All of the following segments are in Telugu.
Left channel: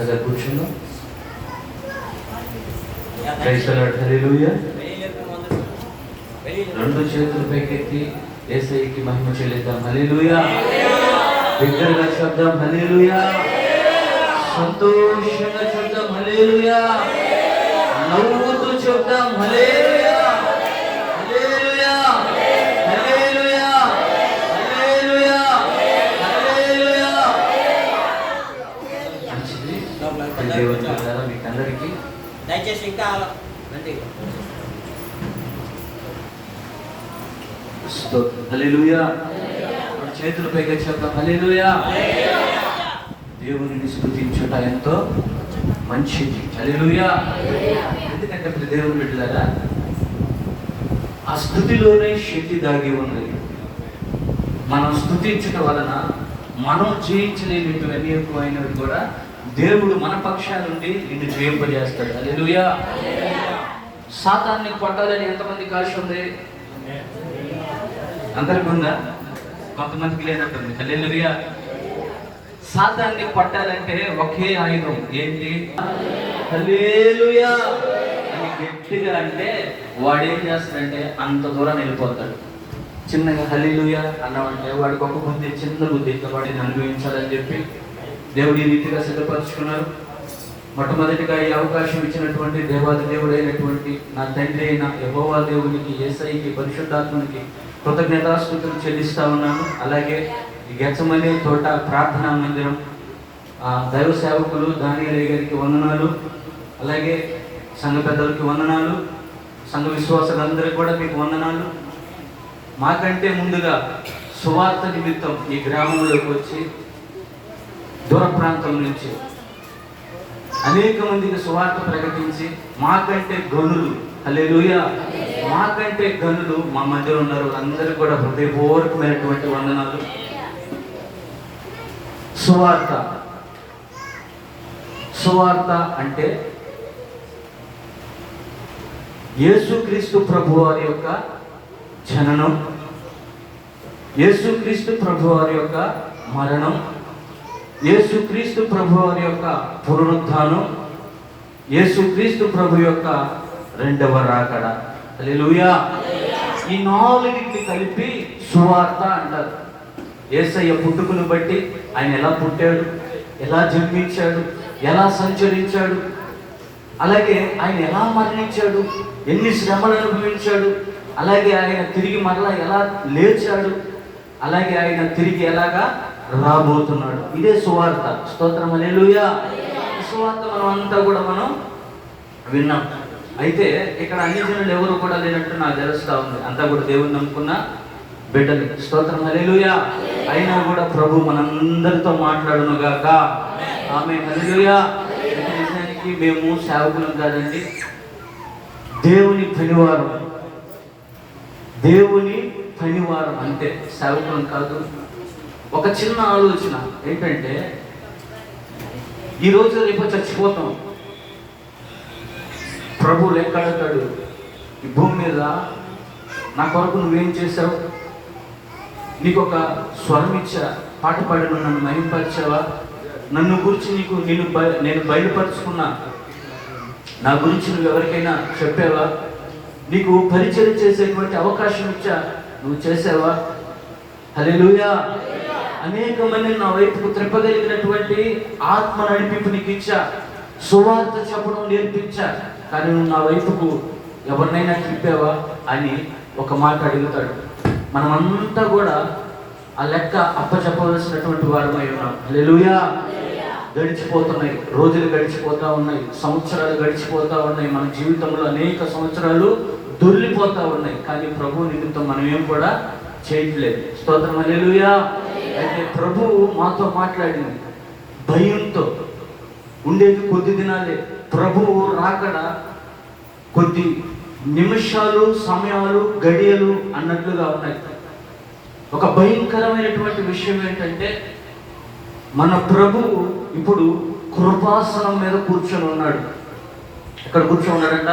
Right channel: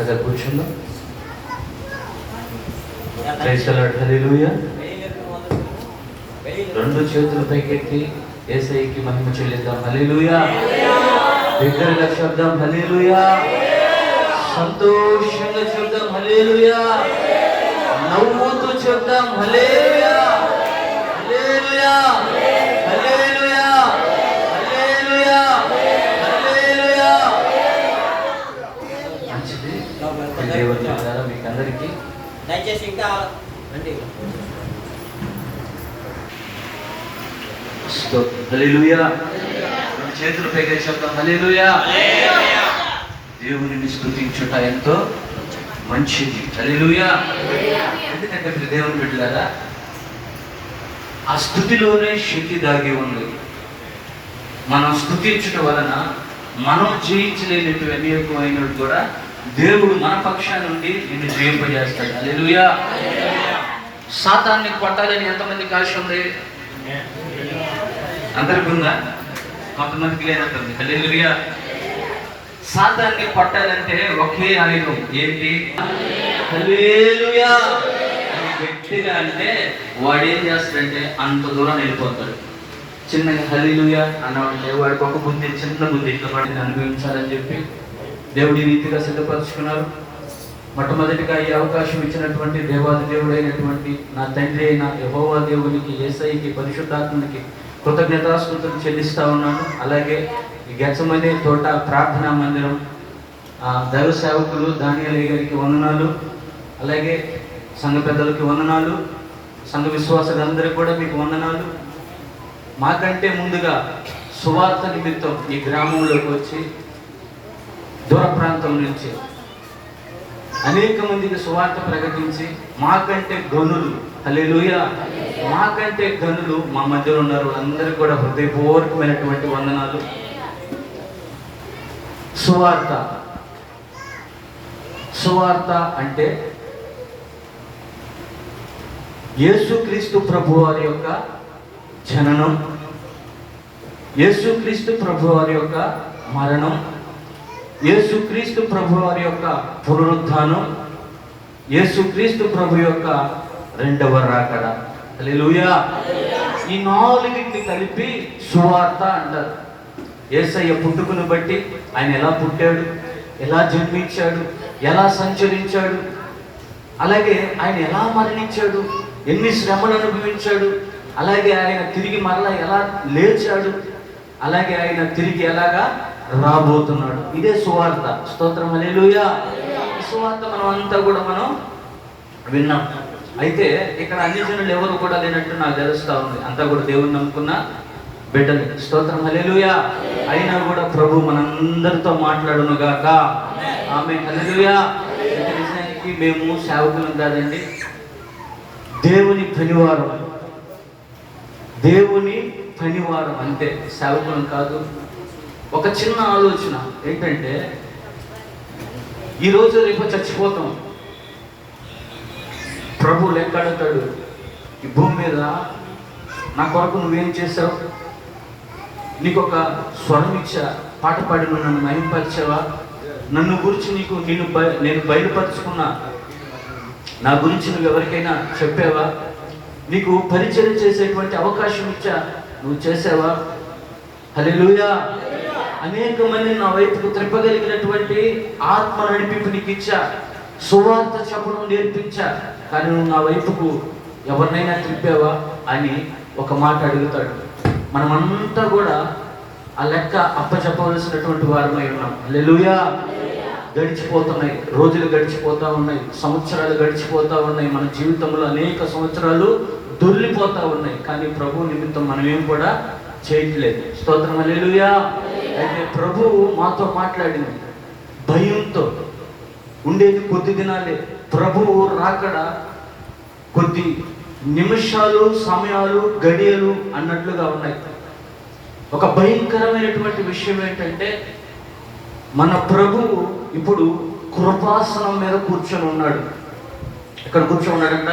చక్కగా కూర్చుందాం. హల్లెలూయా. రెండు చేతులు పైకెత్తి యేసయ్యకి మహిమ చెల్లిద్దాం. హల్లెలూయా. బిగ్గరగా శబ్దం హల్లెలూయా. సంతోషంగా చెప్దాం హల్లెలూయా. నవ్వుతూ చెప్దాం హల్లెలూయా. హల్లెలూయా. హల్లెలూయా. హల్లెలూయా. హల్లెలూయా. మంచిది. దేవుడు మీకు అందరికీ దయచేసి ఇంకా రండి. హల్లెలూయా. చేతులు పైకెత్తి చెప్దాం హల్లెలూయా. దేవునిని స్తుతించుట ఎంతో మంచిది. హల్లెలూయా. ఎందుకంటే మీరు దేవుని బిడ్డలారా, ఆ స్తుతిలోనే శక్తి దాగి ఉంది. మనం స్తుతించుట వలన మనం జయించలేనివి ఎక్కువైనవి కూడా దేవుడు మన పక్షాన్ని నుండి నిన్ను జయింపజేస్తాడు. హల్లెలూయా. సాతాన్ని కొట్టాలని ఎంతమందికి ఆశ ఉంది? అందరికి ఉందా? కొంతమందికి లేనట్టుంది. హల్లెలూయా. సాతాన్ని కొట్టాలంటే ఒకే ఆయుధం, ఏంటి? హల్లెలూయా అని గట్టిగా అంటే వాడు ఏం చేస్తాడంటే అంత దూరం వెళ్ళిపోతాడు. చిన్నగా హల్లెలూయా అన్నామంటే వాడికి ఒక బుద్ధి, చిన్న బుద్ధి, ఇట్లా వాడిని అనుభవించాలని చెప్పి దేవుడు ఈ రీతిగా సిద్ధపరుచుకున్నారు. మొట్టమొదటిగా ఈ అవకాశం ఇచ్చినటువంటి దేవాది దేవుడు అయినటువంటి నా తండ్రి అయిన యెహోవా దేవునికి, యేసయ్యకి, పరిశుద్ధాత్మనికి కృతజ్ఞతాస్తుతులు చెల్లిస్తా ఉన్నాను. అలాగే ఈ గెత్సెమనే తోట ప్రార్థనా మందిరం దైవ సేవకులు దానియేలు గారికి వందనాలు, అలాగే సంఘ పెద్దలకి వందనాలు, సంఘ విశ్వాసులందరికీ కూడా మీకు వందనాలు. మాకంటే ముందుగా సువార్త నిమిత్తం ఈ గ్రామంలోకి వచ్చి దూర ప్రాంతం నుంచి అనేక మందికి సువార్త ప్రకటించి మాకంటే గనులు, హల్లెలూయా, మాకంటే గనులు మా మధ్యలో ఉన్నారు. అందరికీ కూడా హృదయపూర్వకమైనటువంటి వందనాలు. సువార్త, సువార్త అంటే యేసుక్రీస్తు ప్రభువారి యొక్క జననం, యేసుక్రీస్తు ప్రభువారి యొక్క మరణం, యేసుక్రీస్తు ప్రభువారి యొక్క పునరుద్ధానం, యేసుక్రీస్తు ప్రభు యొక్క రెండవ రాకడ. హల్లెలూయా. ఈ నాలుగింటిని కలిపి సువార్త అంటారు. యేసయ్య పుట్టుకను బట్టి ఆయన ఎలా పుట్టాడు, ఎలా జన్మించాడు, ఎలా సంచరించాడు, అలాగే ఆయన ఎలా మరణించాడు, ఎన్ని శ్రమలు అనుభవించాడు, అలాగే ఆయన తిరిగి మరలా ఎలా లేచాడు, అలాగే ఆయన తిరిగి ఎలాగా రాబోతున్నాడు. ఇదే సువార్త. స్తోత్రం హల్లెలూయా. ఈ సువార్త మనం అంతా కూడా మనం విన్నాం. అయితే ఇక్కడ అన్ని జనులు ఎవరు కూడా లేనట్టు నాకు తెలుస్తా ఉంది. అంతా కూడా దేవుని నమ్ముకున్న బిడ్డలు. స్తోత్రం హల్లెలూయా. అయినా కూడా ప్రభు మనందరితో మాట్లాడును గాక. ఆమేన్. హల్లెలూయా. నిజానికి మేము సేవకులం కాదండి, దేవుని పనివారం. దేవుని పనివారం అంటే సేవకులం కాదు. ఒక చిన్న ఆలోచన ఏంటంటే, ఈరోజు రేపు చచ్చిపోతాం. ప్రభు లెక్కడతాడు, ఈ భూమి మీద నా కొరకు నువ్వేం చేసావు, నీకు ఒక స్వరం ఇచ్చా, పాట పాడి నన్ను మహింపరిచావా, నన్ను గురించి నేను బయలుపరుచుకున్నా, నా గురించి నువ్వు ఎవరికైనా చెప్పావా, నీకు పరిచయం చేసేటువంటి అవకాశం ఇచ్చా, నువ్వు చేసావా? హల్లెలూయా. అనేక మంది నా వైపుకు త్రిప్పగలిగినటువంటి ఆత్మ నడిపింపు నీకు ఇచ్చా, సువార్త చెప్పడం నేర్పించా, కానీ నువ్వు నా వైపుకు ఎవరినైనా తిప్పావా అని ఒక మాట అడుగుతాడు. మనమంతా కూడా ఆ లెక్క అప్పచెప్పవలసినటువంటి వారమై ఉన్నాం. హల్లెలూయా. గడిచిపోతున్నాయి, రోజులు గడిచిపోతూ ఉన్నాయి, సంవత్సరాలు గడిచిపోతూ ఉన్నాయి, మన జీవితంలో అనేక సంవత్సరాలు దొర్లిపోతూ ఉన్నాయి. కానీ ప్రభు నిమిత్తం మనం ఏం కూడా చేయట్లేదు. స్తోత్రం హల్లెలూయా. అయితే ప్రభువు మాతో మాట్లాడింది. భయంతో ఉండేది కొద్ది దినాలే. ప్రభువు రాకడ కొద్ది నిమిషాలు, సమయాలు, గడియలు అన్నట్లుగా ఉన్నాయి. ఒక భయంకరమైనటువంటి విషయం ఏంటంటే, మన ప్రభువు ఇప్పుడు కృపాసనం మీద కూర్చొని ఉన్నాడు. ఎక్కడ కూర్చొని ఉన్నాడంట?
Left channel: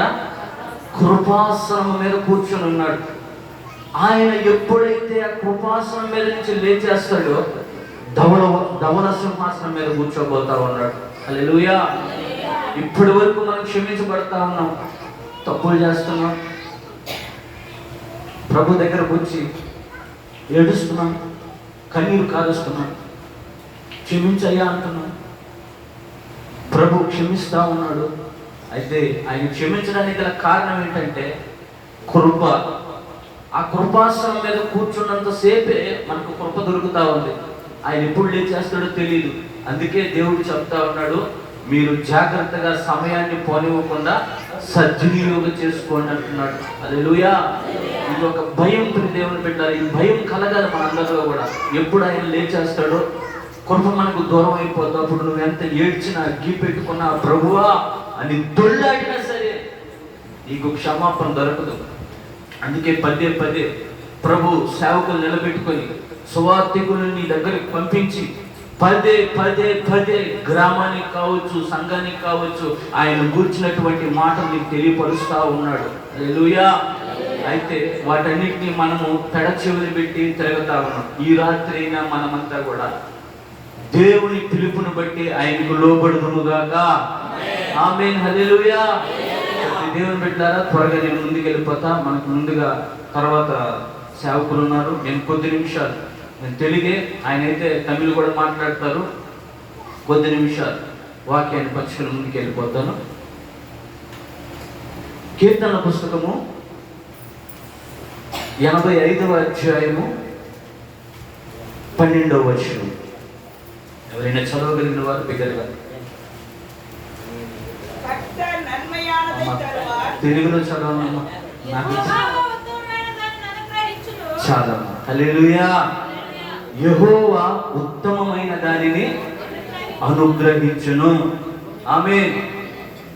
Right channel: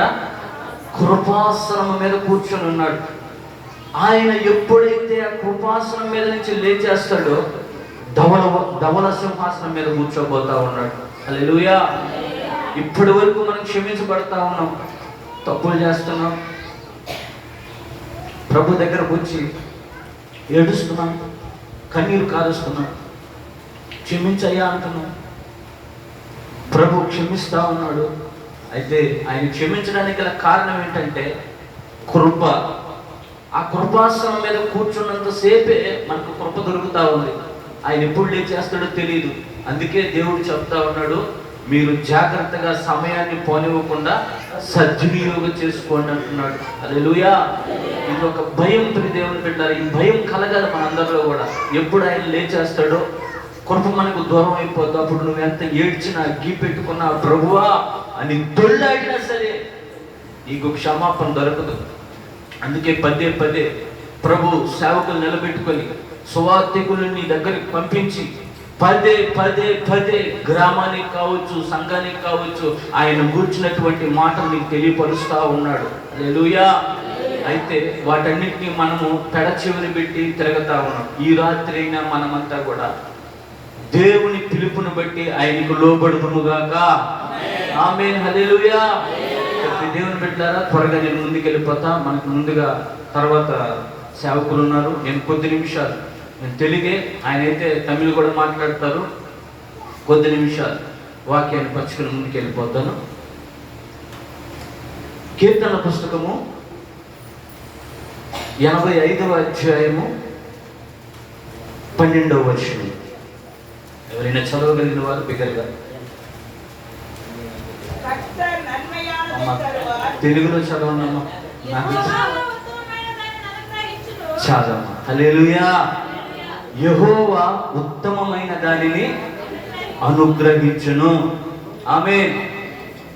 కృపాసనం మీద కూర్చొని ఉన్నాడు. ఆయన ఎప్పుడైతే ఆ కృపాసనం మీద నుంచి లేచేస్తాడో ధవల సింహాసనం మీద కూర్చోబోతా ఉన్నాడు. హల్లెలూయా. ఇప్పటి వరకు మనం క్షమించబడతా ఉన్నాం, తప్పులు చేస్తున్నాం, ప్రభు దగ్గరకు వచ్చి ఏడుస్తున్నాం, కన్నీరు కారుస్తున్నాం, క్షమించయ్యా అంటున్నాం. ప్రభు క్షమిస్తా ఉన్నాడు. అయితే ఆయన క్షమించడానికి గల కారణం ఏంటంటే కృప. ఆ కృపాసనం మీద కూర్చున్నంత సేపే మనకు కృప దొరుకుతా ఉంది. ఆయన ఎప్పుడు లేచేస్తాడో తెలియదు. అందుకే దేవుడు చెప్తా ఉన్నాడు, మీరు జాగ్రత్తగా సమయాన్ని పోనివ్వకుండా సద్వినియోగం చేసుకోండి అంటున్నాడు. హల్లెలూయా. ఇది ఒక భయం దేవుని బిడ్డలారా, ఈ భయం కలగాలి మనందరిలో కూడా. ఎప్పుడు ఆయన లేచేస్తాడో కృప మనకు దూరం అయిపోతావు. అప్పుడు నువ్వు ఎంత ఏడ్చినా, గీ పెట్టుకున్నా, ప్రభువా అని దొల్లాడినా సరే నీకు క్షమాపణ దొరకదు. అందుకే పదే పదే ప్రభు సేవకులు నిలబెట్టుకొని సువార్థికులను నీ దగ్గరికి పంపించి పదే పదే పదే గ్రామానికి కావచ్చు, సంఘానికి కావచ్చు, ఆయన కూర్చున్నటువంటి మాటలు నీకు తెలియపరుస్తా ఉన్నాడు. హల్లెలూయా. అయితే వాటన్నిటిని మనము పెడచెవిని పెట్టి తిరుగుతా ఉన్నాం. ఈ రాత్రి అయినా మనమంతా కూడా దేవుని పిలుపును బట్టి ఆయనకు లోబడుదుముగాక. ఆమేన్. హల్లెలూయా. దేవుని బిడ్డలారా, త్వరగా నేను ముందుకు వెళ్ళిపోతా. మనకు ముందుగా తర్వాత సేవకులు ఉన్నారు. నేను కొద్ది నిమిషాలు, నేను తెలుగే, ఆయన అయితే తమిళ్ కూడా మాట్లాడతారు. కొద్ది నిమిషాలు వాక్యాన్ని పంచుకుని ముందుకు వెళ్ళిపోతాను. కీర్తన పుస్తకము 85వ అధ్యాయము 12వ వచనం. ఎవరైనా చదవగలిగిన వారు బిగ్గరగా. తెలుగులో చదవనమ్మా, నాకు చదవమ్మా. హల్లెలూయా. యెహోవా ఉత్తమమైన దానిని అనుగ్రహించును. ఆమేన్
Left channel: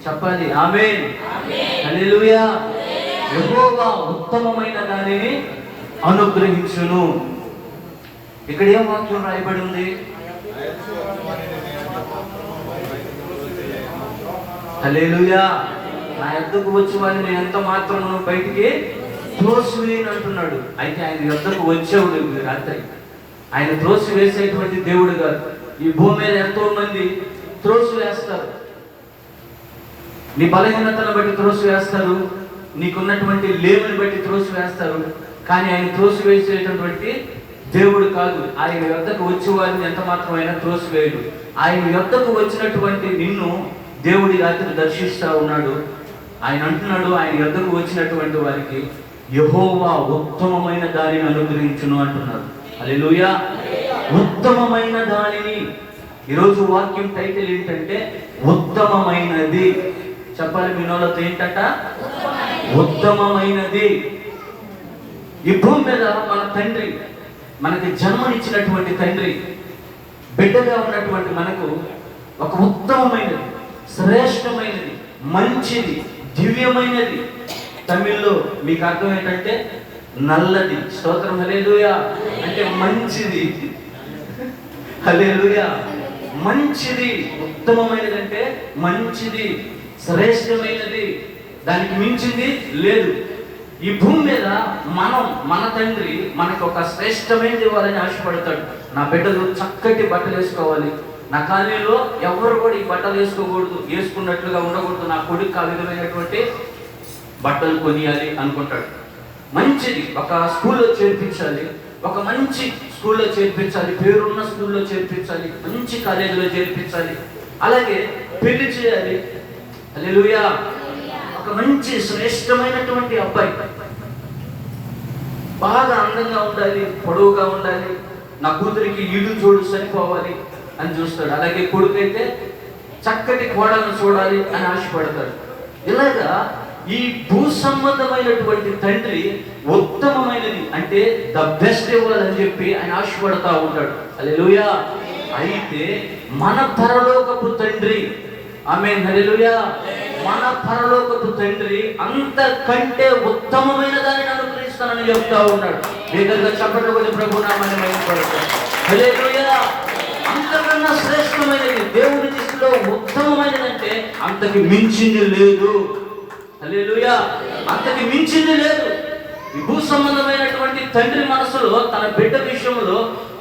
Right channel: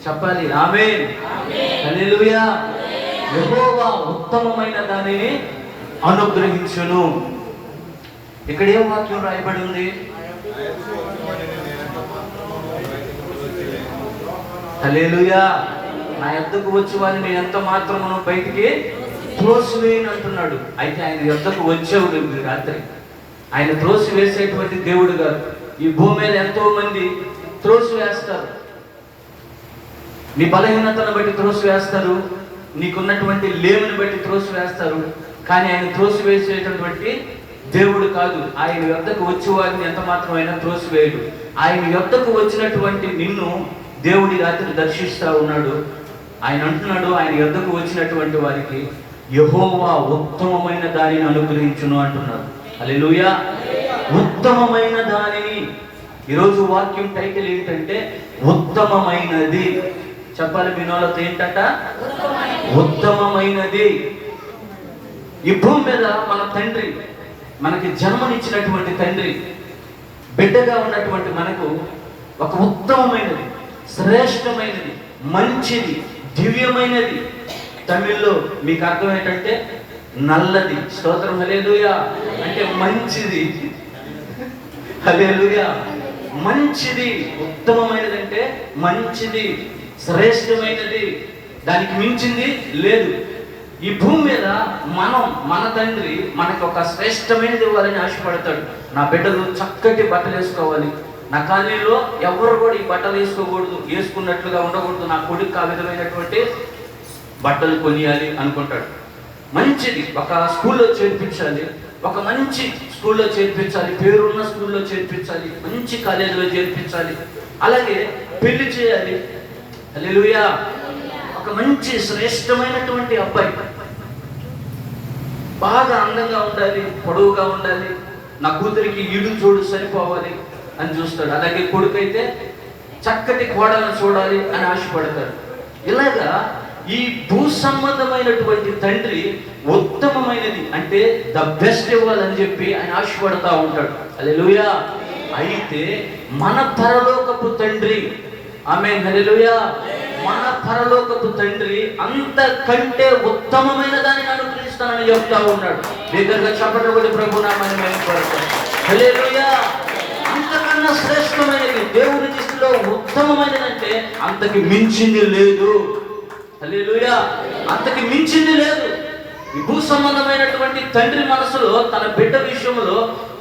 చెప్పాలి. ఆమేన్. హల్లెలూయా. యెహోవా ఉత్తమమైన దానిని అనుగ్రహించును. ఇక్కడ ఏ వాక్యం రాయబడి ఉంది? హల్లెలూయా. నా యొద్దకు వచ్చి వారిని నేను ఎంత మాత్రమును బయటికి త్రోసివేయను అంటున్నాడు. అయితే ఆయన యొద్దకు వచ్చేవాడు రాత్రి. ఆయన త్రోసివేసేటువంటి దేవుడు కాదు. ఈ భూమి మీద ఎంతో మంది త్రోసివేస్తారు. నీ బలహీనతను బట్టి త్రోసివేస్తారు, నీకున్నటువంటి లేమిని బట్టి త్రోసివేస్తారు. కానీ ఆయన త్రోసివేసేటటువంటి దేవుడు కాదు. ఆయన యొద్దకు వచ్చేవారిని ఎంత మాత్రమైనా త్రోసివేయడు. ఆయన యొద్దకు వచ్చినటువంటి నిన్ను దేవుడి రాత్రి దర్శిస్తా ఉన్నాడు. ఆయన అంటున్నాడు, ఆయన యొద్దకు వచ్చినటువంటి వారికి యెహోవా ఉత్తమమైన దానిని అనుగ్రహించును అంటున్నాడు. హల్లెలూయా. ఉత్తమమైన దానిని. ఈరోజు వాక్యం టైటిల్ ఏంటంటే ఉత్తమమైనది. చెప్పాలి మీ నోళ్ళతో ఏంటంట? ఉత్తమమైనది. ఈ భూమి మీద మన తండ్రి, మనకి జన్మనిచ్చినటువంటి తండ్రి, బిడ్డగా ఉన్నటువంటి మనకు ఒక ఉత్తమమైనది, శ్రేష్టమైనది, మంచిది, దివ్యమైనది. తమిళ్లో మీకు అర్థం ఏంటంటే నల్లది. స్తోత్రం. హల్లెలూయా. అంటే మంచిది. హల్లెలూయా. మంచిది, ఉత్తమమైనది అంటే మంచిది, శ్రేష్టమైనది, దానికి మించింది లేదు. ఈ భూమి మీద మన తండ్రి మనకు ఒక శ్రేష్టమైనది ఇవ్వాలని ఆశపడతాడు. నా బిడ్డలు చక్కటి బట్టలు వేసుకోవాలి, నా కాలనీలో ఎవరు కూడా ఈ బట్టలు వేసుకోకూడదు, వేసుకున్నట్లుగా ఉండకూడదు, నా కొడుకు ఆ విధమైనటువంటి బట్టలు కొనియాలి అనుకుంటాడు. మంచిది ఒక స్కూల్లో చేర్పించాలి, ఒక మంచి స్కూల్లో చేర్పించాలి, పేరున్న స్కూల్లో చేర్పించాలి, మంచి కాలేజీలో చేర్పించాలి, అలాగే పెళ్లి చేయాలి. హల్లెలూయా. ఒక మంచి శ్రేష్టమైనటువంటి అబ్బాయి బాగా అందంగా ఉండాలి, పొడవుగా ఉండాలి, నా కూతురికి ఈడు జోడు సరిపోవాలి అని చూస్తాడు. అలాగే కొడుకైతే చక్కటి కోడలను చూడాలి అని ఆశపడతాడు. ఇలాగా ఈ భూ సంబంధమైనటువంటి తండ్రి ఉత్తమమైనది అంటే ద బెస్ట్ ఇవ్వాలని చెప్పి ఆయన ఆశపడతా ఉంటాడు. హల్లెలూయా. అయితే మన పరలోకపు తండ్రి, ఆమేన్, హల్లెలూయా, మన పరలోకపు తండ్రి అంతకంటే ఉత్తమమైన దానిని అనుగ్రహిస్తానని చెప్తా ఉన్నాడు. దగ్గరగా చెప్పడం కూడా ప్రభు నామమున వేయబడతాడు. హల్లెలూయా. అంతకన్నా శ్రేష్టమైనది, దేవుని దృష్టిలో ఉత్తమమైనది అంటే అంతకి మించింది లేదు. హల్లెలూయా. అంతకి మించింది లేదు. ఈ భూ సంబంధమైనటువంటి తండ్రి మనసులో తన బిడ్డ విషయంలో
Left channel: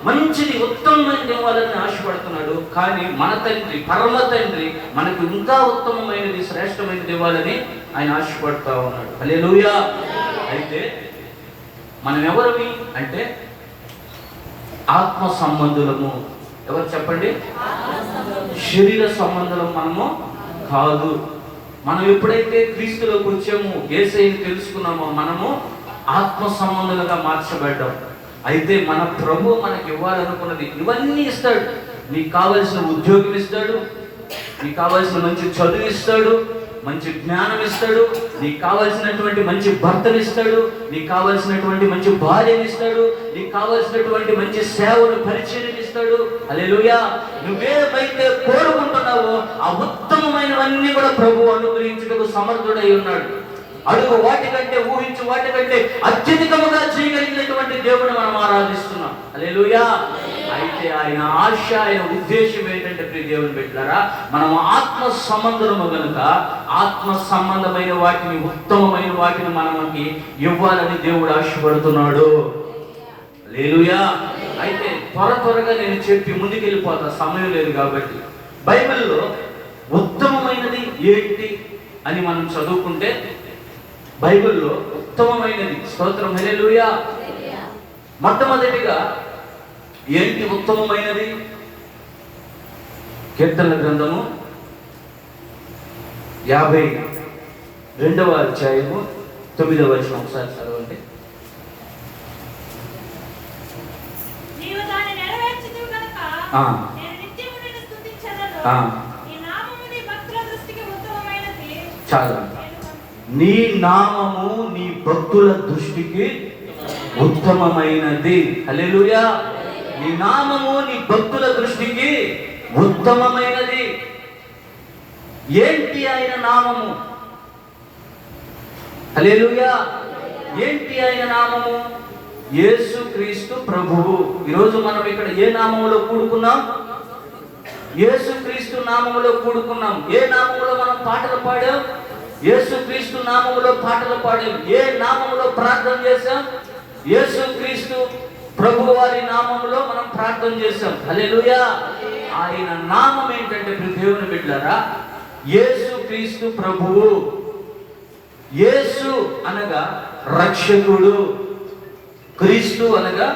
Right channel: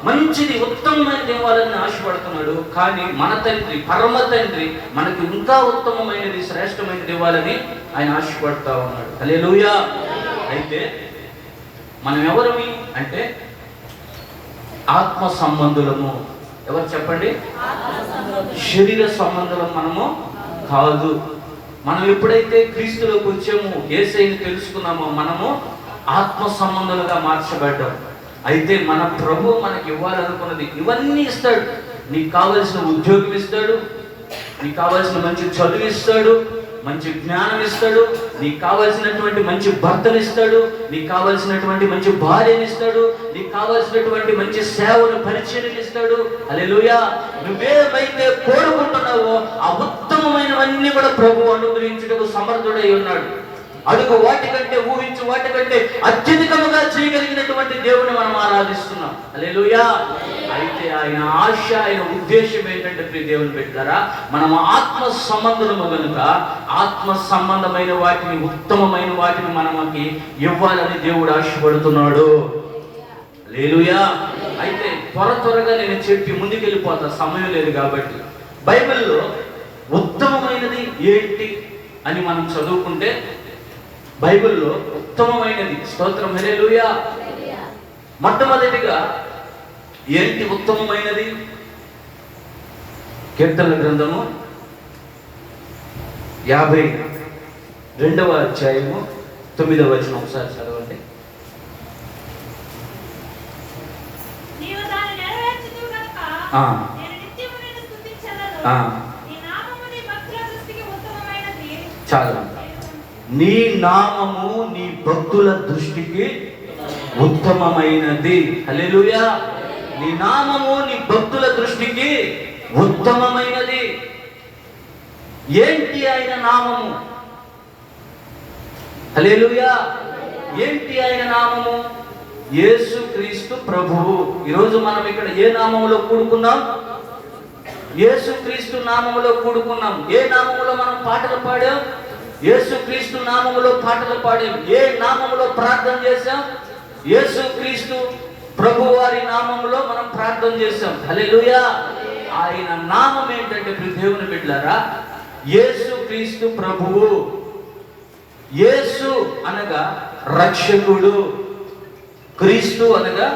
మంచిది ఉత్తమమైనది ఇవ్వాలని ఆశపడుతున్నాడు. కానీ మన తండ్రి, పరమ తండ్రి మనకి ఇంకా ఉత్తమమైనది, శ్రేష్టమైనది ఇవ్వాలని ఆయన ఆశపడుతూ ఉన్నాడు. హల్లెలూయా. అయితే మనం ఎవరమి అంటే ఆత్మ సంబంధులము. ఎవరు చెప్పండి? శరీర సంబంధులం మనము కాదు. మనం ఎప్పుడైతే క్రీస్తులోకి వచ్చామో, యేసయ్యని తెలుసుకున్నామో, మనము ఆత్మ సంబంధులుగా మార్చబడ్డాం. అయితే మన ప్రభు మనకి ఇవ్వాలనుకున్నది ఇవన్నీ ఇస్తాడు. నీకు కావలసిన ఉద్యోగం ఇస్తాడు, నీకు కావలసిన మంచి చదువు ఇస్తాడు, మంచి జ్ఞానం ఇస్తాడు, నీకు కావలసినటువంటి మంచి భర్తను ఇస్తాడు, నీకు కావలసినటువంటి మంచి భార్యను ఇస్తాడు, నీకు కావలసినటువంటి మంచి సేవను, పరిచయం ఇస్తాడు. హల్లెలూయా. నువ్వేమైతే కోరుకుంటున్నావో ఆ ఉత్తమమైనవన్నీ కూడా ప్రభు అనుగ్రహించుటకు సమర్థుడై ఉన్నాడు. అడుగు వాటికంటే, ఊహించు వాటికంటే అత్యధికముగా చేయగలిగినటువంటి దేవుని మనం ఆరాధిస్తున్నాం. హల్లెలూయా. అయితే ఆయన ఆశ, ఆయన ఉద్దేశం ఏంటంటే ప్రియ దేవుని బిడ్డలారా, మనం ఆత్మ సంబంధము కనుక ఆత్మ సంబంధమైన వాటిని, ఉత్తమమైన వాటిని మనకి ఇవ్వాలని దేవుడు ఆశపడుతున్నాడు. హల్లెలూయా. అయితే త్వరగా నేను చెప్పి ముందుకెళ్ళిపోతా, సమయం లేదు కాబట్టి. బైబిల్లో ఉత్తమమైనది ఏంటి అని మనం చదువుకుంటే, బైబిల్లో ఉత్తమమైనది, స్తోత్రం, హల్లెలూయా. మొట్టమొదటిగా ఏంటి ఉత్తమమైనది? కీర్తనల గ్రంథము 52వ అధ్యాయము 9వ వచనం ఒకసారి చదవండి. చాలా. నీ నామము నీ భక్తుల దృష్టికి ఉత్తమమైనది. హల్లెలూయా. నీ నామము నీ భక్తుల దృష్టికి ఉత్తమమైనది. ఏంటి ఆయన నామము? హల్లెలూయా. ఏంటి ఆయన నామము? యేసుక్రీస్తు ప్రభువు. ఈరోజు మనం ఇక్కడ ఏ నామములో కూడుకున్నాం? యేసుక్రీస్తు నామములో కూడుకున్నాం. ఏ నామములో మనం పాటలు పాడాం? యేసుక్రీస్తు నామములో పాటలు పాడాం. ఏ నామములో ప్రార్థన చేశాం? యేసుక్రీస్తు ప్రభు వారి నామములో మనం ప్రార్థన చేశాం. హల్లెలూయా. ఆయన నామం ఏంటంటే దేవుని బిడ్డలారా, యేసుక్రీస్తు ప్రభువు. యేసు అనగా రక్షకుడు, క్రీస్తు అనగా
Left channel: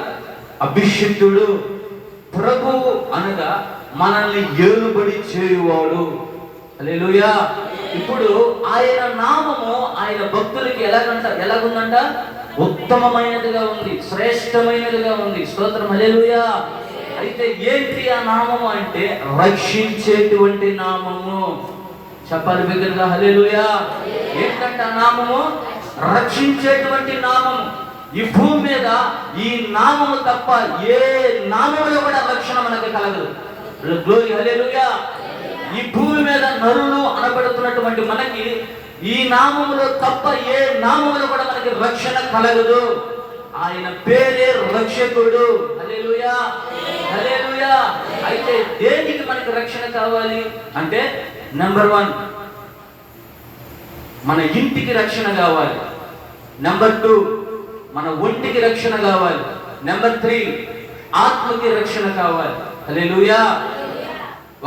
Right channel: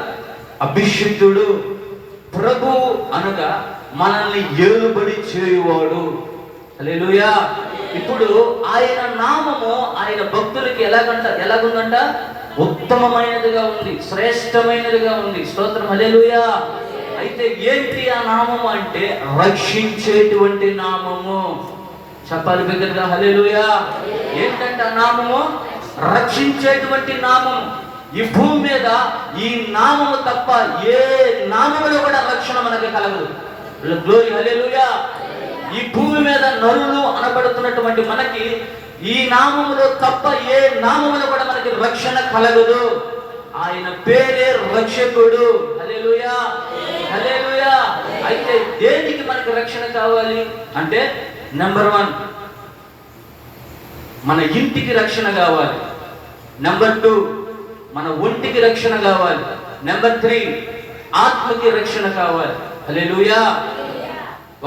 అభిషిక్తుడు, ప్రభువు అనగా మనల్ని ఏలుబడి చేయువాడు. హల్లెలూయా. ఇప్పుడు ఆయన నామము ఆయన భక్తులకి ఎలాగుందంట? ఉత్తమమైనదిగా ఉంది, శ్రేష్టమైనదిగా ఉంది. స్తోత్రం, హల్లెలూయా. అయితే ఏంటి ఆ నామము అంటే రక్షించేటువంటి నామము. చెప్పాలి బిడ్డలుగా, హల్లెలూయా. ఏంటంటే ఆ నామము రక్షించేటువంటి నామము. ఈ భూమి మీద ఈ నామము తప్ప ఏ నామములో కూడా రక్షణ మనకు కలగదు. గ్లోరీ, హల్లెలూయా. ఈ భూమి మీద నరులు అనబడుతున్నటువంటి మనకి ఈ నామములో తప్ప ఏ నామములో కూడా మనకి రక్షణ కలగదు. ఆయన పేరే రక్షకుడు. హల్లెలూయా, హల్లెలూయా. అయితే దేనికి మనకు రక్షణ కావాలి అంటే, నెంబర్ 1 మన ఇంటికి రక్షణ కావాలి. నెంబర్ 2 మన ఒంటికి రక్షణ కావాలి. నెంబర్ 3 ఆత్మకి రక్షణ కావాలి. హల్లెలూయా.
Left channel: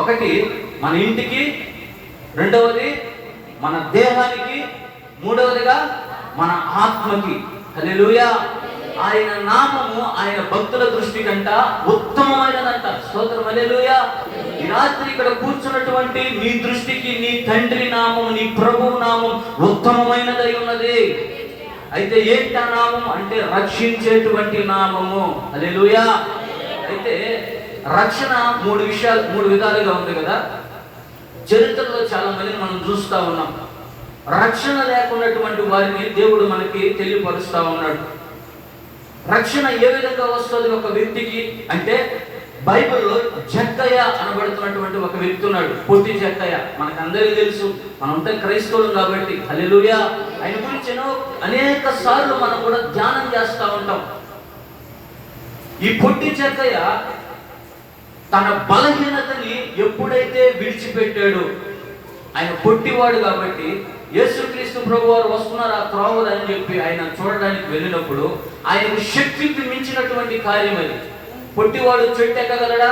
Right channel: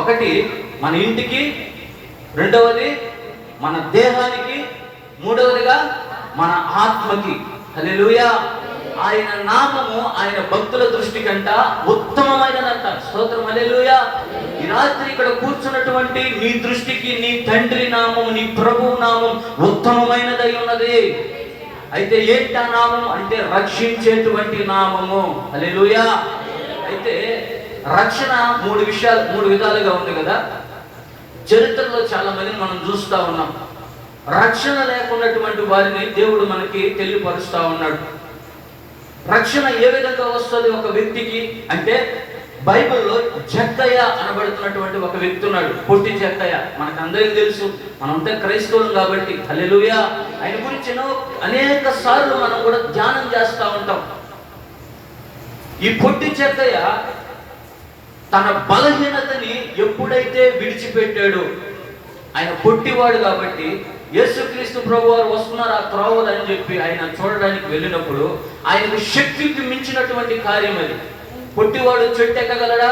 ఒకటి మన ఇంటికి, రెండవది మన దేహానికి, మూడవదిగా మన ఆత్మకి. హల్లెలూయా. ఆయన నామము ఆయన భక్తుల దృష్టి కంట ఉత్తమమైనదంట. స్తోత్రం, హల్లెలూయా. ఈ రాత్రి ఇక్కడ కూర్చున్నటువంటి నీ దృష్టికి నీ తండ్రి నామం, నీ ప్రభువు నామం ఉత్తమమైనదై ఉన్నది. అయితే ఏంటి ఆ నామం అంటే రక్షించేటువంటి నామము. హల్లెలూయా. అయితే రక్షణ మూడు విధాలుగా ఉంది కదా. చరిత్రలో చాలా మందిని మనం చూస్తూ ఉన్నాం. రక్షణ లేకున్నటువంటి వారిని దేవుడు మనకి తెలియపరుస్తూ ఉన్నాడు. రక్షణ ఏ విధంగా వస్తుంది ఒక వ్యక్తికి అంటే, బైబిల్లో జక్కయ్య అనబడుతున్నటువంటి ఒక వ్యక్తి ఉన్నాడు. పొట్టి జక్కయ్య. మనకు అందరికీ తెలుసు, మనం అంటే క్రైస్తవులు కాబట్టి. హల్లెలూయా. ఆయన గురించి అనేక సార్లు మనం కూడా ధ్యానం చేస్తూ ఉంటాం. ఈ పొట్టి జక్కయ్య తన బలహీనతని ఎప్పుడైతే విడిచిపెట్టాడో, ఆయన పొట్టివాడు కాబట్టి యేసుక్రీస్తు ప్రభు వారు వస్తున్నారు ఆ త్రోవలు అని చెప్పి ఆయన చూడడానికి వెళ్ళినప్పుడు ఆయనకు శక్తికి మించినటువంటి కార్యం అది. పొట్టివాడు చెట్టు ఎక్కగలడా?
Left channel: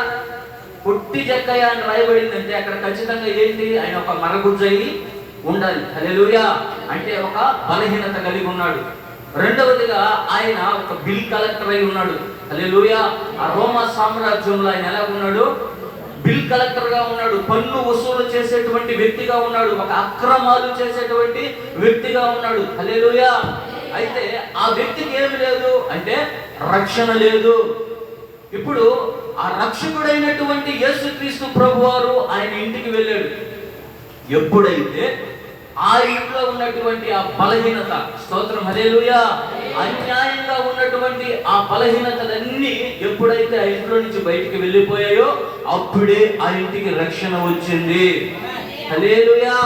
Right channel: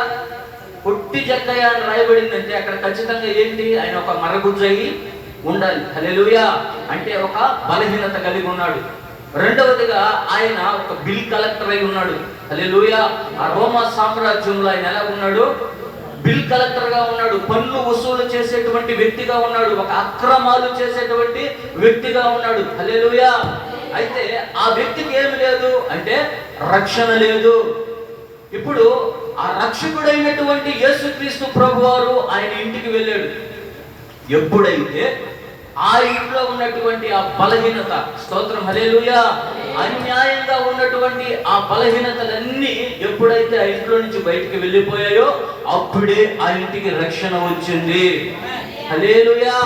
పొట్టి చెక్కయ్య అని రాయబడిందంటే అక్కడ ఖచ్చితంగా ఏంటి? ఆయన ఒక మరగుజ్జయి ఉండాలి. హల్లెలూయా. అంటే ఒక బలహీనత కలిగి ఉన్నాడు. రెండవదిగా ఆయన ఒక బిల్ కలెక్టర్ అయి ఉన్నాడు. హల్లెలూయా. ఆ రోమా సామ్రాజ్యంలో ఆయన ఎలా ఉన్నాడు? బిల్ కలెక్టర్ గా ఉన్నాడు. పన్ను వసూలు చేసేటువంటి వ్యక్తిగా ఉన్నాడు. ఒక అక్రమాలు చేసేటువంటి వ్యక్తిగా ఉన్నాడు. హల్లెలూయా. అయితే ఆ వ్యక్తికి ఏమి లేదు అంటే రక్షణ లేదు. ఇప్పుడు ఆ రక్షకుడైనటువంటి యేసుక్రీస్తు ప్రభువారు ఆయన ఇంటికి వెళ్ళాడు. ఎప్పుడైతే ఆ ఇంట్లో ఉన్నటువంటి ఆ బలహీనత, స్తోత్రం హల్లెలూయా, అన్యాయంగా ఉన్నటువంటి ఆ బలహీనతలన్నీ ఎప్పుడైతే ఆ ఇంట్లో నుంచి బయటికి వెళ్ళిపోయాయో అప్పుడే ఆ ఇంటికి రక్షణ వచ్చింది. హల్లెలూయా.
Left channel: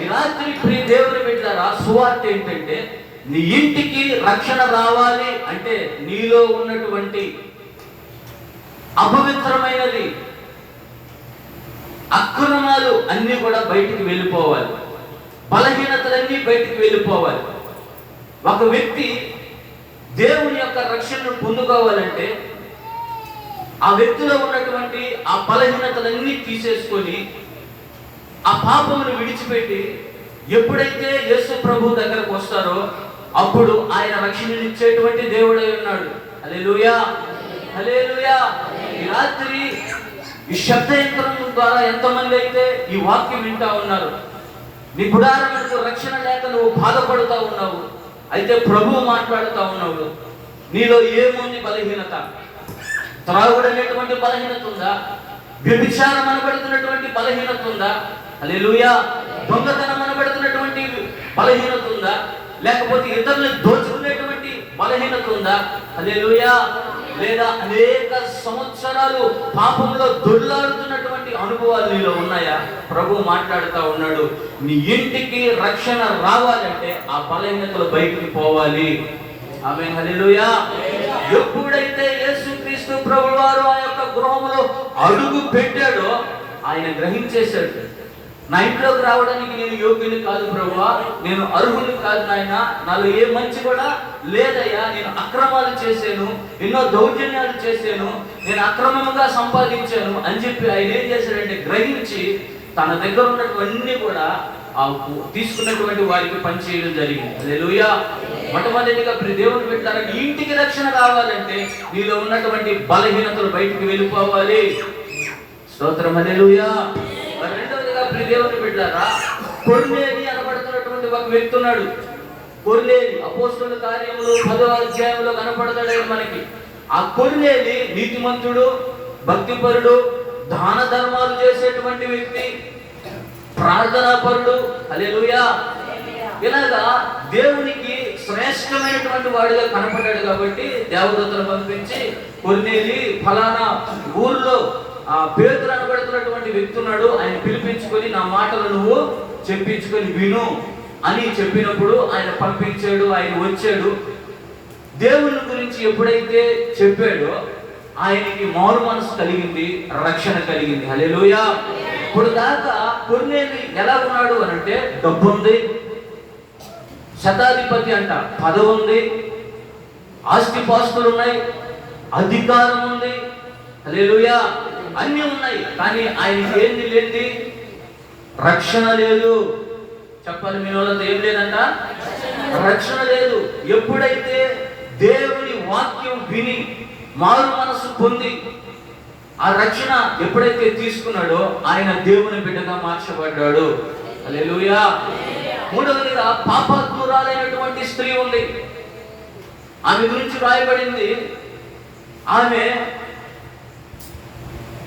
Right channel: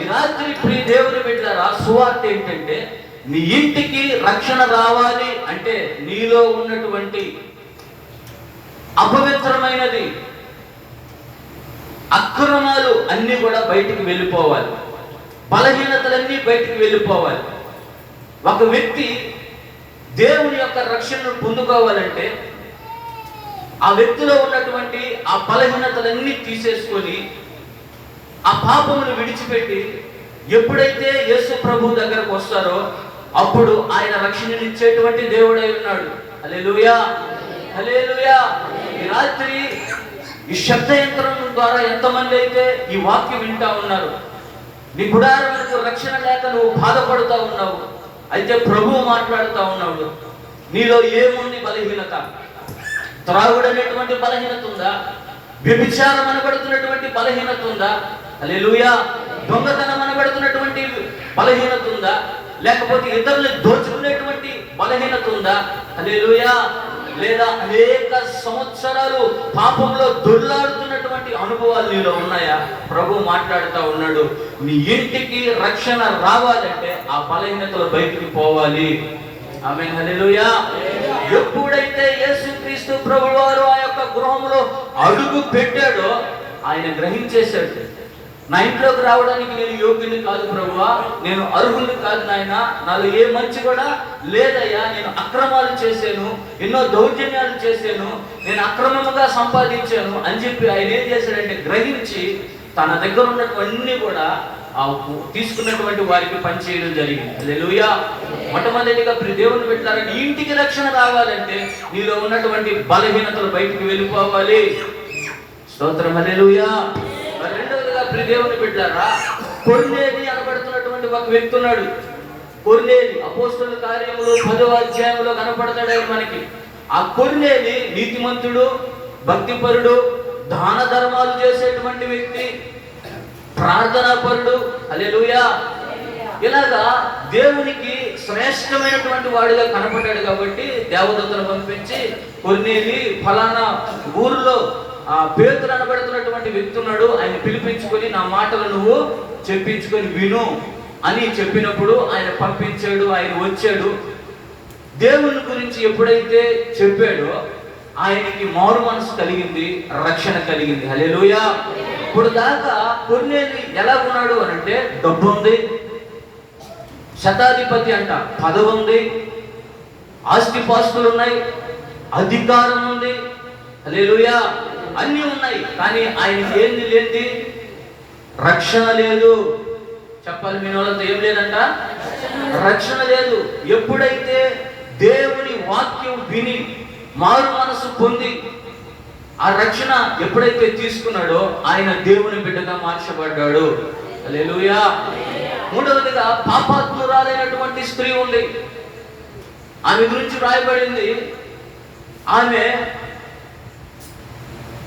ఈ రాత్రి ప్రియ దేవుని బిడ్డలారా, సువార్త ఏంటంటే నీ ఇంటికి రక్షణ రావాలి అంటే నీలో ఉన్నటువంటి అపవిత్రమైనది, అక్రమాలు అన్ని కూడా బయటికి వెళ్ళిపోవాలి. బలహీనతలన్నీ బయటికి వెళ్ళిపోవాలి. ఒక వ్యక్తి దేవుని యొక్క రక్షణను పొందుకోవాలంటే ఆ వ్యక్తిలో ఉన్నటువంటి ఆ బలహీనతలన్నీ తీసేసుకొని ఆ పాపమును విడిచిపెట్టి ఎప్పుడైతే యేసు ప్రభు దగ్గరకు వస్తారో అప్పుడు ఆయన రక్షణనిచ్చేటువంటి దేవుడై ఉన్నాడు. హల్లెలూయా, హల్లెలూయా. ఈ రాత్రి ఈ శబ్ద యంత్రం ద్వారా ఎంతమంది అయితే ఈ వాక్యం వింటా ఉన్నారు, నీ గుడారములకు రక్షణ లేక నువ్వు బాధపడుతూ ఉన్నావు. అయితే ప్రభువు మాట్లాడుతూ ఉన్నావు, నీలో ఏముంది బలహీనత? త్రాగుడు అనేటువంటి బలహీనత ఉందా? వ్యభిచారం అనబడుతున్నటువంటి బలహీనత ఉందా? హల్లెలూయా. దొంగతనం అనబడుతున్నటువంటి బలహీనత ఉందా? లేకపోతే ఇతరులను దోచుకునేటువంటి బలహీనత ఉందా? హల్లెలూయా. లేదా అనేక సంవత్సరాలు పాపంలో దొర్లాడుతున్నటువంటి అనుభవాలు నీలో ఉన్నాయా? ప్రభు మాట్లాడుతూ ఉన్నాడు, నీ ఇంటికి రక్షణ రావాలంటే ఆ బలహీనతలు బయటికి పోవాలి. ఆమేన్, హల్లెలూయా. ఎప్పుడైతే యేసుక్రీస్తు ప్రభువారు ఆ యొక్క గృహంలో అడుగు పెట్టాడో ఆయన గ్రహించేశాడు, నా ఇంట్లోకి రావడానికి నేను యోగ్యుని కాదు ప్రభువా, నేను అర్హుని కాదు నాయన, నాలో ఏ మంచి కూడా లేదయ్యా, నేను అక్రమాలు చేశాను, ఎన్నో దౌర్జన్యాలు చేశాను, నేను అక్రమంగా సంపాదించాను అని చెప్పి ఆయన ఏం చేశాడంటే గ్రహించి తన దగ్గర ఉన్నటువంటి కూడా ఆ తీసుకున్నటువంటి వారికి పనిచేయడం జరిగింది. హల్లెలూయా. మొట్టమొదటిగా దేవుని పెట్టారు, నీ ఇంటికి రక్షణ కావాలంటే నీలో ఉన్నటువంటి బలహీనతలు బయటికి వెళ్ళిపోవాలి. స్తోత్రం, హల్లెలూయా. రెండవదిగా దేవుని బిడ్డలారా, కొర్నేలి అనబడుతున్నటువంటి ఒక వ్యక్తి ఉన్నాడు. కొర్నేలి అపోస్తలుల కార్యములు 10వ అధ్యాయంలో కనపడతాడు మనకి. ఆ కొర్నేలి నీతిమంతుడు, భక్తిపరుడు, దాన ధర్మాలు చేసేటువంటి వ్యక్తి, ప్రార్థనాపరుడు. హల్లెలూయా. ఇలాగా దేవునికి శ్రేష్టమైనటువంటి వాడిగా కనపడ్డాడు కాబట్టి దేవదూతలు పంపించి కొర్నేలి ఫలానా ఊర్లో ఆ పేతురు అనబడుతున్నటువంటి వ్యక్తి ఉన్నాడు, ఆయన పిలిపించుకొని నా మాటలు నువ్వు చెప్పించుకొని విను అని చెప్పినప్పుడు ఆయన పంపించాడు. ఆయన వచ్చాడు. దేవుని గురించి ఎప్పుడైతే చెప్పాడో ఆయనకి మారు మనసు కలిగింది, రక్షణ కలిగింది. హల్లెలూయా. ఇప్పుడు దాకా కొర్నేలి ఎలా ఉన్నాడు అని అంటే డబ్బు ఉంది, శతాధిపతి అంట, పదవి ఉంది, ఆస్తిపాస్తులు ఉన్నాయి, అధికారం ఉంది. హల్లెలూయా. అన్నీ ఉన్నాయి, కానీ ఆయనకి ఏంది లేనిది? రక్షణ లేదు. చెప్పాలి మీ వాళ్ళతో, ఏం లేదంట? రక్షణ లేదు. ఎప్పుడైతే దేవుని వాక్యం విని మారు మనసు పొంది ఆ రక్షణ ఎప్పుడైతే తీసుకున్నాడో ఆయన దేవుని బిడ్డగా మార్చబడ్డాడు. హల్లెలూయా. మూడవదిగా పాపాత్మురాలైనటువంటి స్త్రీ ఉంది. ఆమె గురించి రాయబడింది, ఆమె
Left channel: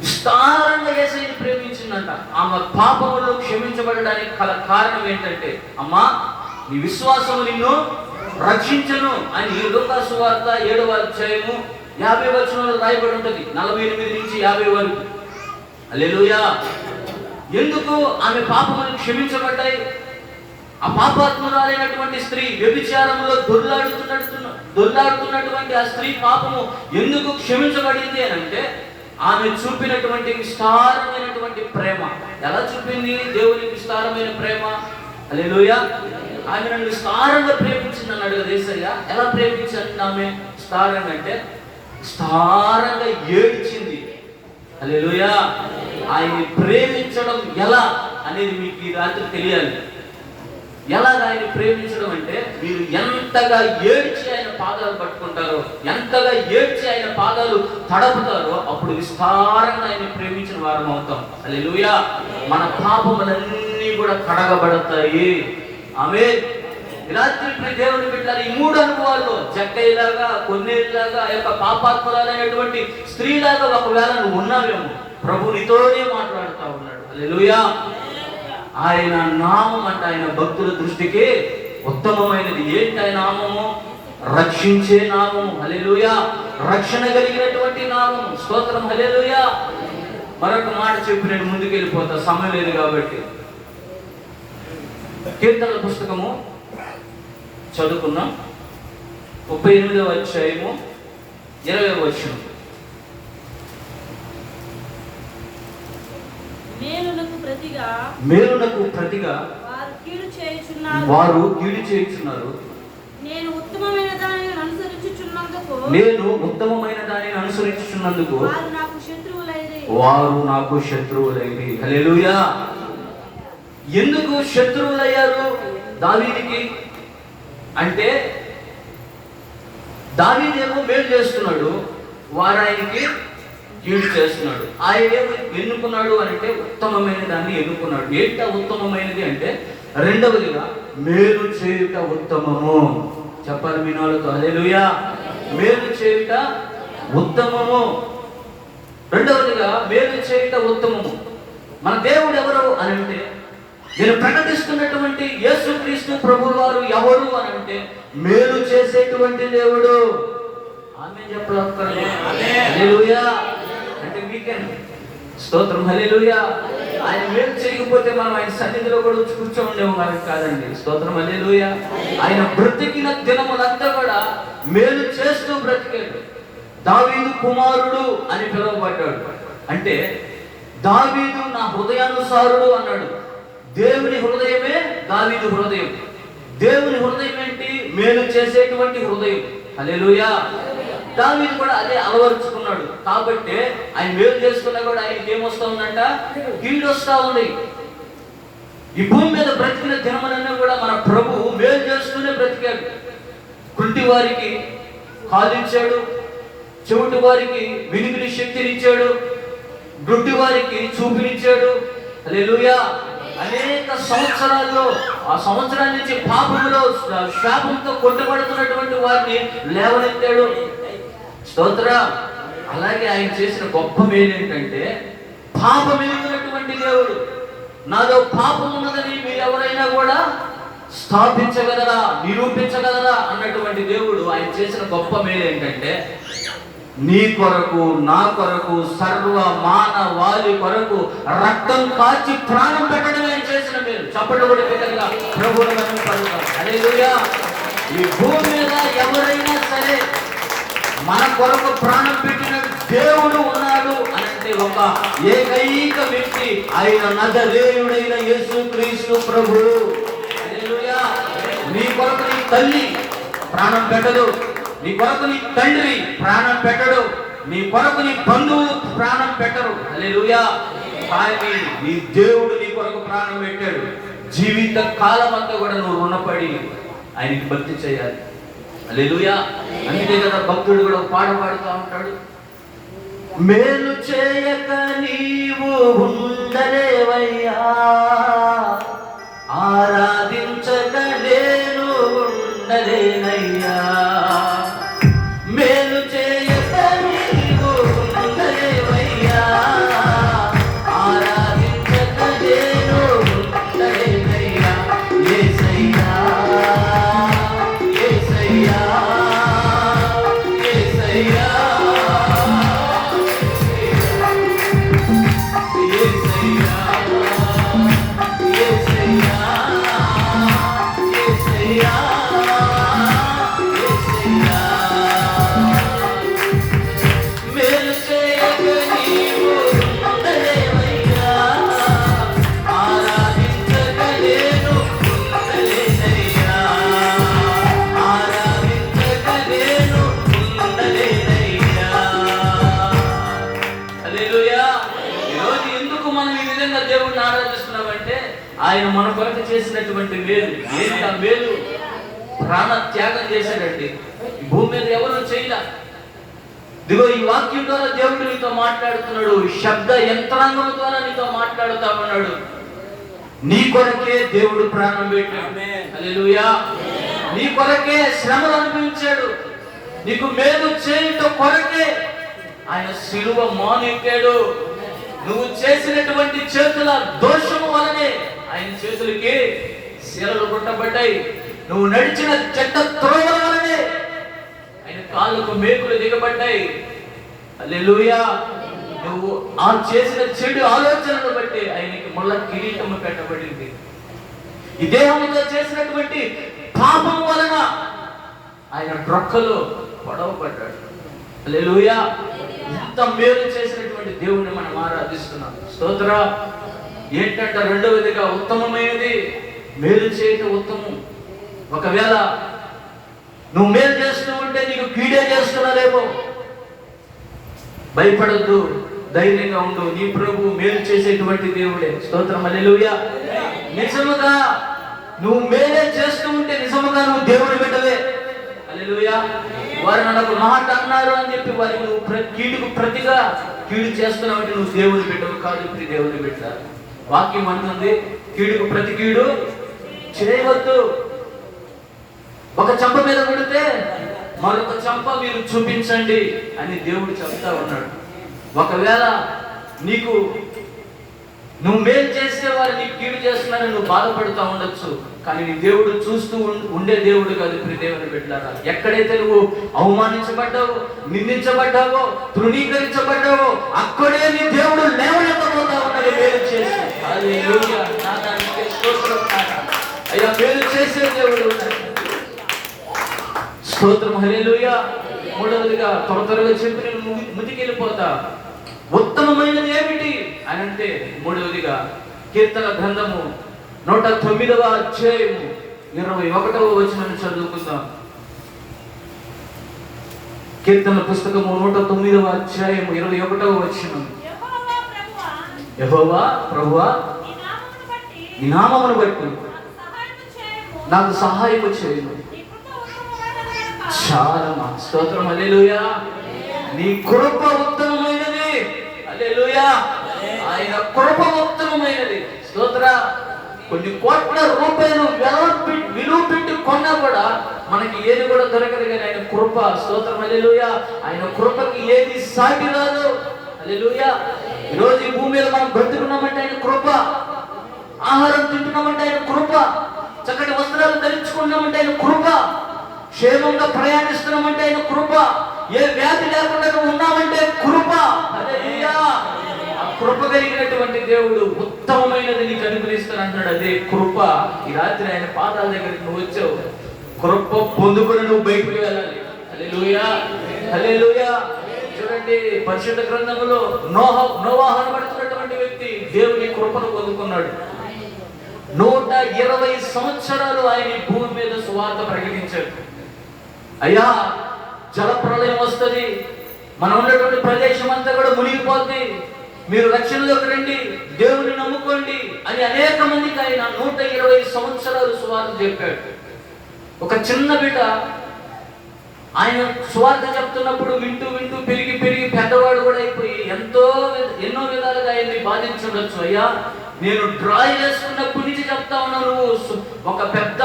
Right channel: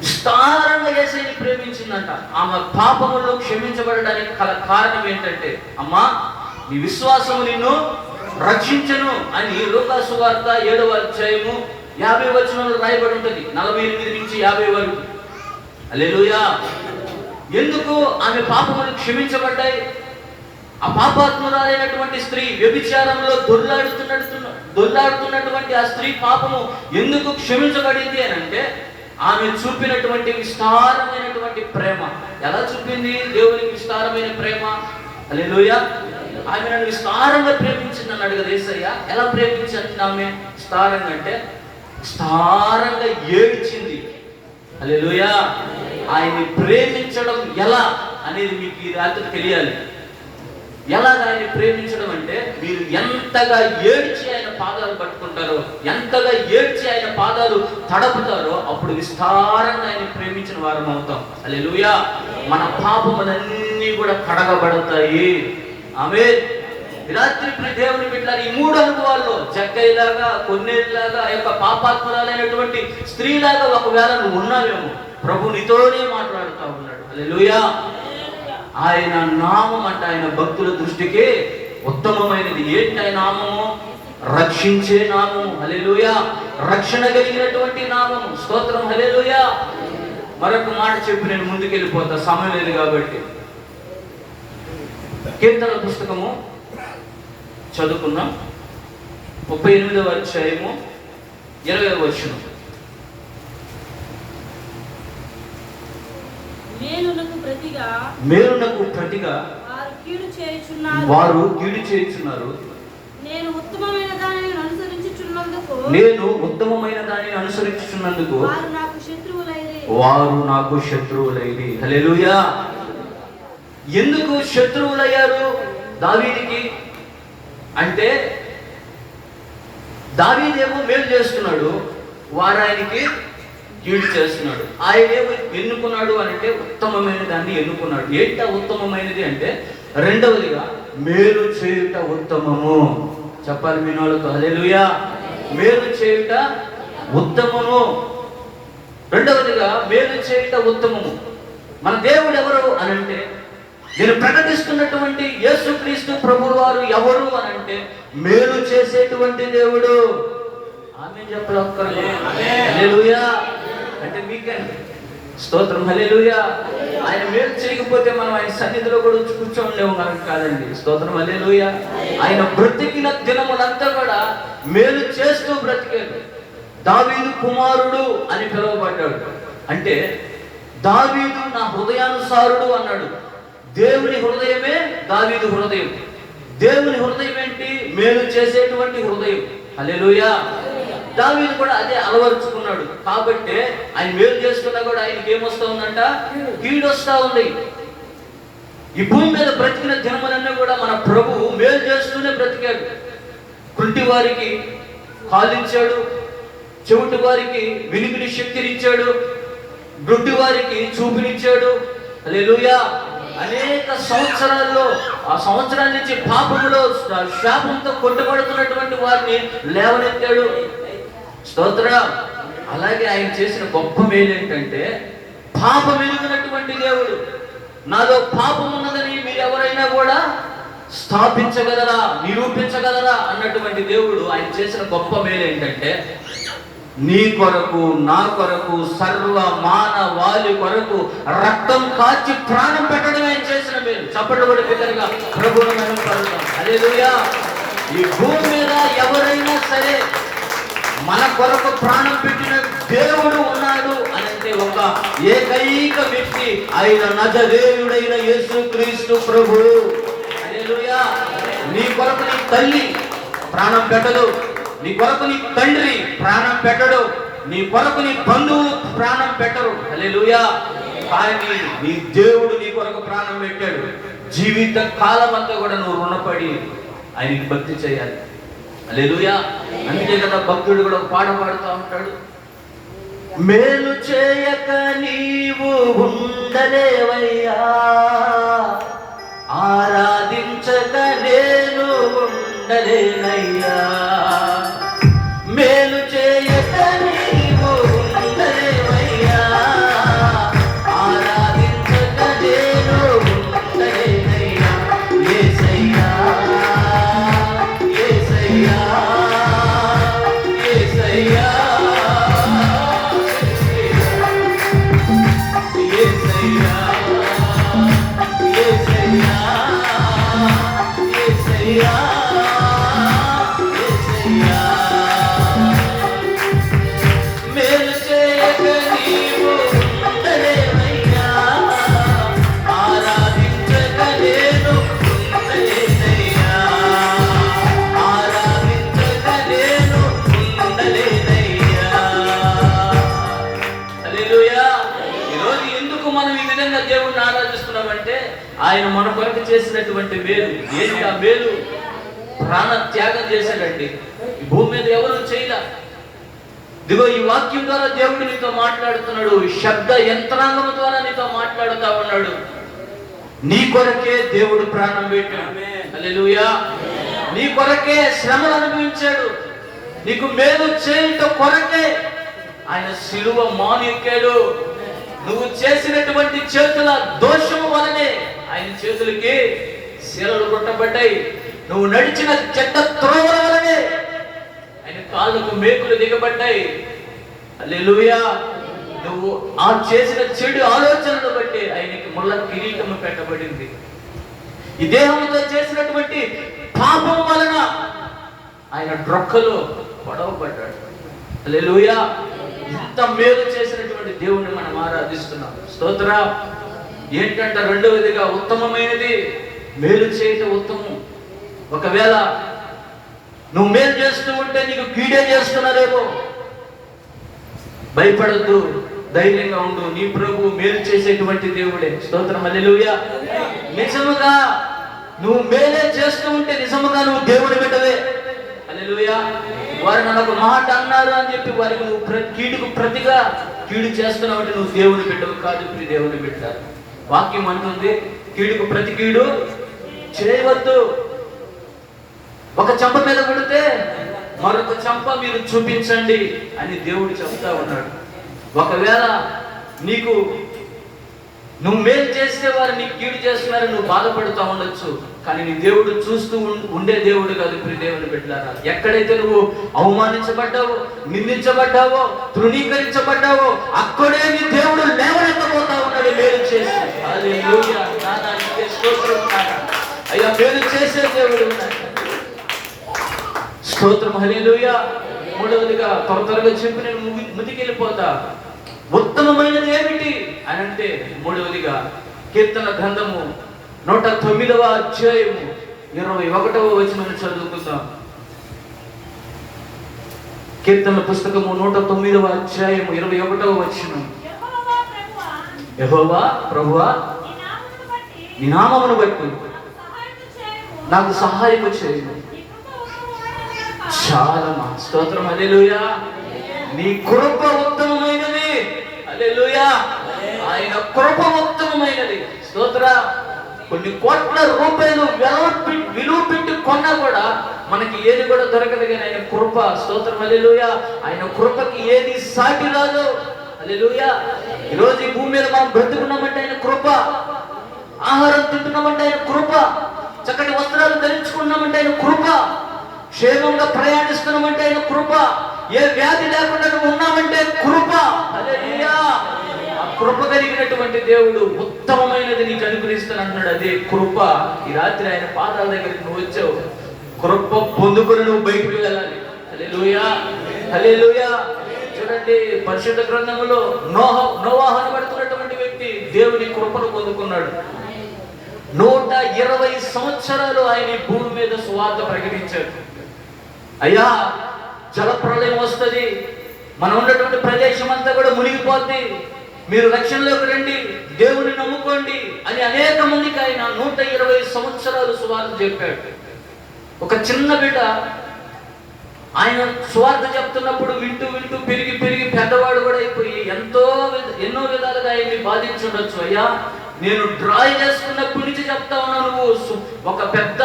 విస్తారంగా యేసయ్యని ప్రేమించిందంట. ఆమె పాపములు క్షమించబడడానికి కారణం ఏంటంటే, అమ్మా నీ విశ్వాసము నిన్ను రక్షించను అని లూకా సువార్త 7వ అధ్యాయము 50 వచనంలో రాయబడి ఉంటుంది, 48 నుంచి 50 వరకు. హల్లెలూయా. ఎందుకు ఆమె పాపములు క్షమించబడ్డాయి? ఆ పాపాత్మురాలైనటువంటి స్త్రీ వ్యభిచారంలో దొర్లాడుతున్నటువంటి ఆ స్త్రీ పాపము ఎందుకు క్షమించబడింది అని అంటే ఆమె చూపినటువంటి విస్తారమైనటువంటి ప్రేమ. ఎలా చూపింది దేవునికి విస్తారమైన ప్రేమ? హల్లెలూయా. ఆమె విస్తారంగా ప్రేమించింది అన్నాడు కదా యేసయ్య. ఎలా ప్రేమించింది ఆమె విస్తారంగా అంటే, విస్తారంగా ఏడ్చింది. హల్లెలూయా. ఆయన్ని ప్రేమించడం ఎలా అనేది మీకు ఈ రాత్రి తెలియాలి. ఎలా ఆయన్ని ప్రేమించడం అంటే, మీరు ఎంతగా ఏడ్చి ఆయన పాదాలు పట్టుకుంటారో, ఎంతగా ఏడ్చి ఆయన పాదాలు తడపుతారో, అప్పుడు విస్తారంగా ఆయన ప్రేమించిన వారం అవుతాం. హల్లెలూయా. మన పాపములన్నీ కూడా కడగబడతాయి. ఆమేన్. రాత్రి దేవుని బిడ్డలారా, ఈ 3 అనుభవాల్లో జక్కయ్యలాగా, కొన్నేళ్ళలాగా, ఆ యొక్క పాపాత్మలైనటువంటి స్త్రీలాగా ఒకవేళ నువ్వు ఉన్నావేమో, ప్రభు నీతోనే మాట్లాడుతూ ఉన్నాడు. హల్లెలూయా. ఆయన నామం అంటే ఆయన భక్తుల దృష్టికి ఉత్తమమైనది. ఏంటి ఆయన నామము? రక్షించే నామము. హల్లెలూయా. రక్షణ కలిగినటువంటి నామము. స్తోత్రం. హల్లెలూయా. మరొక మాట చెప్పి నేను ముందుకెళ్ళిపోతా, సమయం లేదు కాబట్టి. కీర్తన పుస్తకము చదువుకుందాం. 38వ అధ్యాయము 20వ వచనం. మేలునకు ప్రతిగా వారు కీడు చేయుచున్నారు. నేను ఉత్తమమైన దానిని అనుసరించుచున్నందుకు వారు నాకు శత్రువులైరి. హల్లెలూయా. ఎందుకు శత్రువులయ్యారు దావీదుకి అంటే, దావీదేమో మేలు చేస్తున్నాడు, వారు ఆయనకి కీడు చేస్తున్నాడు. ఆయనేమో ఎన్నుకున్నాడు అంటే ఉత్తమమైన దాన్ని ఎన్నుకున్నాడు. ఏంట ఉత్తమమైనది అంటే, రెండవదిగా మేలు చేయుట ఉత్తమము. చెప్పాలి మీ వాళ్ళతో. హల్లెలూయా. మేలు చేయుట ఉత్తమము. రెండవదిగా మేలు చేయుట ఉత్తమము. మన దేవుడు ఎవరు అని అంటే, నేను ప్రకటిస్తున్నటువంటి యేసుక్రీస్తు ప్రభువు వారు ఎవరు అని అంటే, మేలు చేసేటువంటి దేవుడు. ఆమేన్ చెప్పాలి. హల్లెలూయా. అంటే వీకెండ్. స్తోత్రం. హల్లెలూయా. ఆయన మేలు చేయకపోతే మనం ఆయన సన్నిధిలో కూడా వచ్చి కూర్చోలేము కాదండి. స్తోత్రం. హల్లెలూయా. ఆయన బ్రతికిన దినములంతా కూడా మేలు చేస్తూ బ్రతికాడు. దావీదు కుమారుడు అని పిలువబడ్డాడు. అంటే దావీదు నా హృదయానుసారుడు అన్నాడు. దేవుని హృదయమే దావీదు హృదయం. దేవుని హృదయం ఏంటి? మేలు చేసేటువంటి హృదయం. హల్లెలూయా. దావీదు కూడా అదే అలవరుచుకున్నాడు. కాబట్టి ఆయన మేలు చేసుకున్నా కూడా ఆయనకి ఏమొస్తా ఉందంట? కీడు వస్తా ఉంది. ఈ భూమి మీద బ్రతికిన దినములన్నీ కూడా మన ప్రభువు మేలు చేస్తూనే బ్రతికాడు. కుంటి వారికి కాలిచ్చాడు, చెవిటి వారికి వినికిడి శక్తినిచ్చాడు, గుడ్డి వారికి చూపునిచ్చాడు. హల్లెలూయా. అనేక సంవత్సరాల్లో, ఆ సంవత్సరాల నుంచి పాపములో శాపంతో కొట్టుబడుతున్నటువంటి వారిని లేవనెత్తాడు. స్తోత్రం. అలాగే ఆయన చేసిన గొప్ప మేలు ఏంటంటే, పాపం ఎరిగినటువంటి దేవుడు. నాలో పాపం ఉన్నదని మీరు ఎవరైనా కూడా స్థాపించగలరా, నిరూపించగలరా అన్నటువంటి దేవుడు. ఆయన చేసిన గొప్ప మేలు ఏంటంటే, నీ కొరకు, నా కొరకు, సర్వ మానవాళి కొరకు రక్తం కాచి ప్రాణం పెట్టడం ఆయన చేసిన మేలు. చప్పటి కూడా బిగ్గరగా ప్రభువుని మహిమపరుద్దాం. హల్లెలూయా. ఈ భూమి మీద ఎవరైనా సరే మన కొరకు ప్రాణం పెట్టిన దేవుడు ఉన్నాడు అంటే ఒక ఏకైక వ్యక్తి, ఆయన నజరేయుడైన యేసుక్రీస్తు ప్రభువు. హల్లెలూయా. నీ కొరకు నీ తల్లి ప్రాణం పెట్టదు, నీ కొరకు నీ తండ్రి ప్రాణం పెట్టడు, నీ కొరకు నీ బంధువులు ప్రాణం పెట్టరు. హల్లెలూయా. కానీ నీ దేవుడు నీ కొరకు ప్రాణం పెట్టాడు. జీవిత కాలం అంతా కూడా నువ్వు రుణపడి ఆయనకి భక్తి చేయాలి. హల్లెలూయా. అంతే కదా భక్తుడు కూడా పాట పాడుతూ ఉంటాడు. మేలు చేయక నీవు ఉండలేవయ్యా, ఆరాధించక నేను ఉండలేనయ్యా. మేలు చేయక నీవు ఉండలేవయ్యా, ఆరాధించక నేను ఉండలేనయ్యా. యేసయ్యా, యేసయ్యా, యేసయ్యా, యేసయ్యా, కొరకు చేసినటువంటి మేలు ఏంటి? ఆ మేలు ప్రాణ త్యాగం చేశాడండి. ఈ భూమి మీద ఎవరు చేయలే. ఇదిగో ఈ వాక్యం ద్వారా దేవుడు నీతో మాట్లాడుతున్నాడు. శబ్ద యంత్రాంగం ద్వారా నీతో మాట్లాడుతా ఉన్నాడు. నీ కొరకే దేవుడు ప్రాణం పెట్టాడు. హల్లెలూయా. నీ కొరకే శ్రమలు అనుభవించాడు. నీకు మేలు చేయటం కొరకే ఆయన శిలువ మానెక్కాడు. నువ్వు చేసినటువంటి చేతుల దోషము వలనే ఆయన చేతులకి శిలలు కొట్టబడ్డాయి. నువ్వు నడిచిన చెడ్డ త్రోవల వలనే ఆయన కాళ్ళకు మేకులు దిగబడ్డాయి. హల్లెలూయా. నువ్వు ఆ చేసిన చెడు ఆలోచనలు బట్టి ఆయనకి ముళ్ళ కిరీటము పెట్టబడింది. ఈ దేహంతో చేసినటువంటి పాపం వలన ఆయన డ్రొక్కలో పొడవబడ్డాడు. హల్లెలూయా. ఇంత మేలు చేసినటువంటి దేవుణ్ణి మనం ఆరాధిస్తున్నాం. స్తోత్ర. ఏంటంటే రెండవదిగా ఉత్తమమైనది మేలు చేయటం ఉత్తమం. ఒకవేళ నువ్వు మేలు చేస్తూ ఉంటే నీకు కీడే చేస్తున్నారేమో, భయపడద్దు, ధైర్యంగా ఉండు. నీ ప్రభు మేలు చేసేటువంటి దేవుడే. స్తోత్రం. హల్లెలూయా. నిజముగా నువ్వు మేలే చేస్తూ ఉంటే నిజముగా నువ్వు దేవుని బిడ్డవే. హల్లెలూయా. వారు నన్ను ఒక మాట అన్నారు అని చెప్పి వారికి నువ్వు కీడుకు ప్రతిగా కీడు చేస్తున్నావు, నువ్వు దేవుని బిడ్డవు కాదు. దేవుని బిడ్డ వాక్యం అంటుంది, కీడుకు ప్రతి కీడు చేయవద్దు. ఒక చెంప మీద కొడితే మరొక చెంప మీరు చూపించండి అని దేవుడు చెప్తా ఉన్నాడు. ఒకవేళ నువ్వు మేలు చేస్తే వారు నీకు కీడు చేస్తున్నారని నువ్వు బాధపడుతూ ఉండొచ్చు, కానీ నీ దేవుడు చూస్తూ ఉండే దేవుడు కాదు. దేవుని బిడ్డలారా, ఎక్కడైతే నువ్వు అవమానించబడ్డావో, నిందించబడ్డావో, తృణీకరించబడ్డావో అక్కడే నీ దేవుడు లేవనెత్తబోతా ఉన్నాడు మేలు చేసి. హల్లెలూయా. అయ్యా, మేలు చేసే దేవుడు ఉన్నాడు. స్తోత్రం. హల్లెలూయా. మూడవదిగా త్వరగా చెప్పి నేను ముదికెళ్ళిపోతా. ఉత్తమమైనది ఏమిటి అని అంటే మూడవదిగా కీర్తన గ్రంథము 109వ అధ్యాయము 21వ వచనం చదువుకుందాం. కీర్తన పుస్తకము 109వ అధ్యాయము 21వ వచనం. యెహోవా ప్రభువా, నీ నామమును బట్టి నాకు సహాయము చేయము. చాలా స్తోత్రం. హల్లెలూయా. నీ కృప ఉత్తమమైనది. హల్లెలూయా. ఆయన కృప ఉత్తమమైనది. స్తోత్ర. కొన్ని కోట్ల రూపాయలు విలువ పెట్టి కొన్నా కూడా మనకి ఏది కూడా దొరకదు, కానీ ఆయన కృప. స్తోత్రం. హల్లెలూయా. ఆయన కృపకి ఏది సాటి రాదు. హల్లెలూయా. ఈరోజు ఈ భూమి మీద మనం బ్రతుకున్నామంటే ఆయన కృప. ఆహారం తింటున్నామంటే ఆయన కృప. చక్కటి వస్త్రాలు ధరించుకున్నామంటే ఆయన కృప. క్షేమంగా ప్రయాణిస్తున్నామంటే ఆయన కృప. ఏ వ్యాధి లేకుండా ఉన్నామంటే కృప. హల్లెలూయా. ఆ కృప కలిగినటువంటి దేవుడు ఉత్తమమైనది నీకు అనుగ్రహిస్తానంటున్నాడు. అదే కృప. ఈ రాత్రి ఆయన పాదాల దగ్గరికి నువ్వు వచ్చావు. కృప పొందుకొని నువ్వు బయటకు వెళ్ళాలి. హల్లెలూయా. హల్లెలూయా. చూడండి, పరిశుద్ధ గ్రంథంలో నోవాహు అనబడుతున్నటువంటి వ్యక్తి దేవుని కృపను పొందుకున్నాడు. 120 సంవత్సరాలు ఆయన ఈ భూమి మీద సువార్త ప్రకటించాడు. అయ్యా, జలప్రళయం వస్తుంది, మనం ఉన్నటువంటి ప్రదేశం అంతా కూడా మునిగిపోద్ది, మీరు రక్షణలోకి రండి, దేవుని నమ్ముకోండి అని అనేక మందికి ఆయన 120 సంవత్సరాలు సువార్త చెప్పాడు. ఒక చిన్న బిడ్డ ఆయన సువార్త చెప్తున్నప్పుడు వింటూ వింటూ పెరిగి పెరిగి పెద్దవాడు కూడా అయిపోయి ఎన్నో విధాలుగా ఆయన్ని బాధించుండొచ్చు. అయ్యా, నేను డ్రాయి చేసుకున్నప్పటి నుంచి చెప్తా ఉన్నాను, నువ్వు ఒక పెద్ద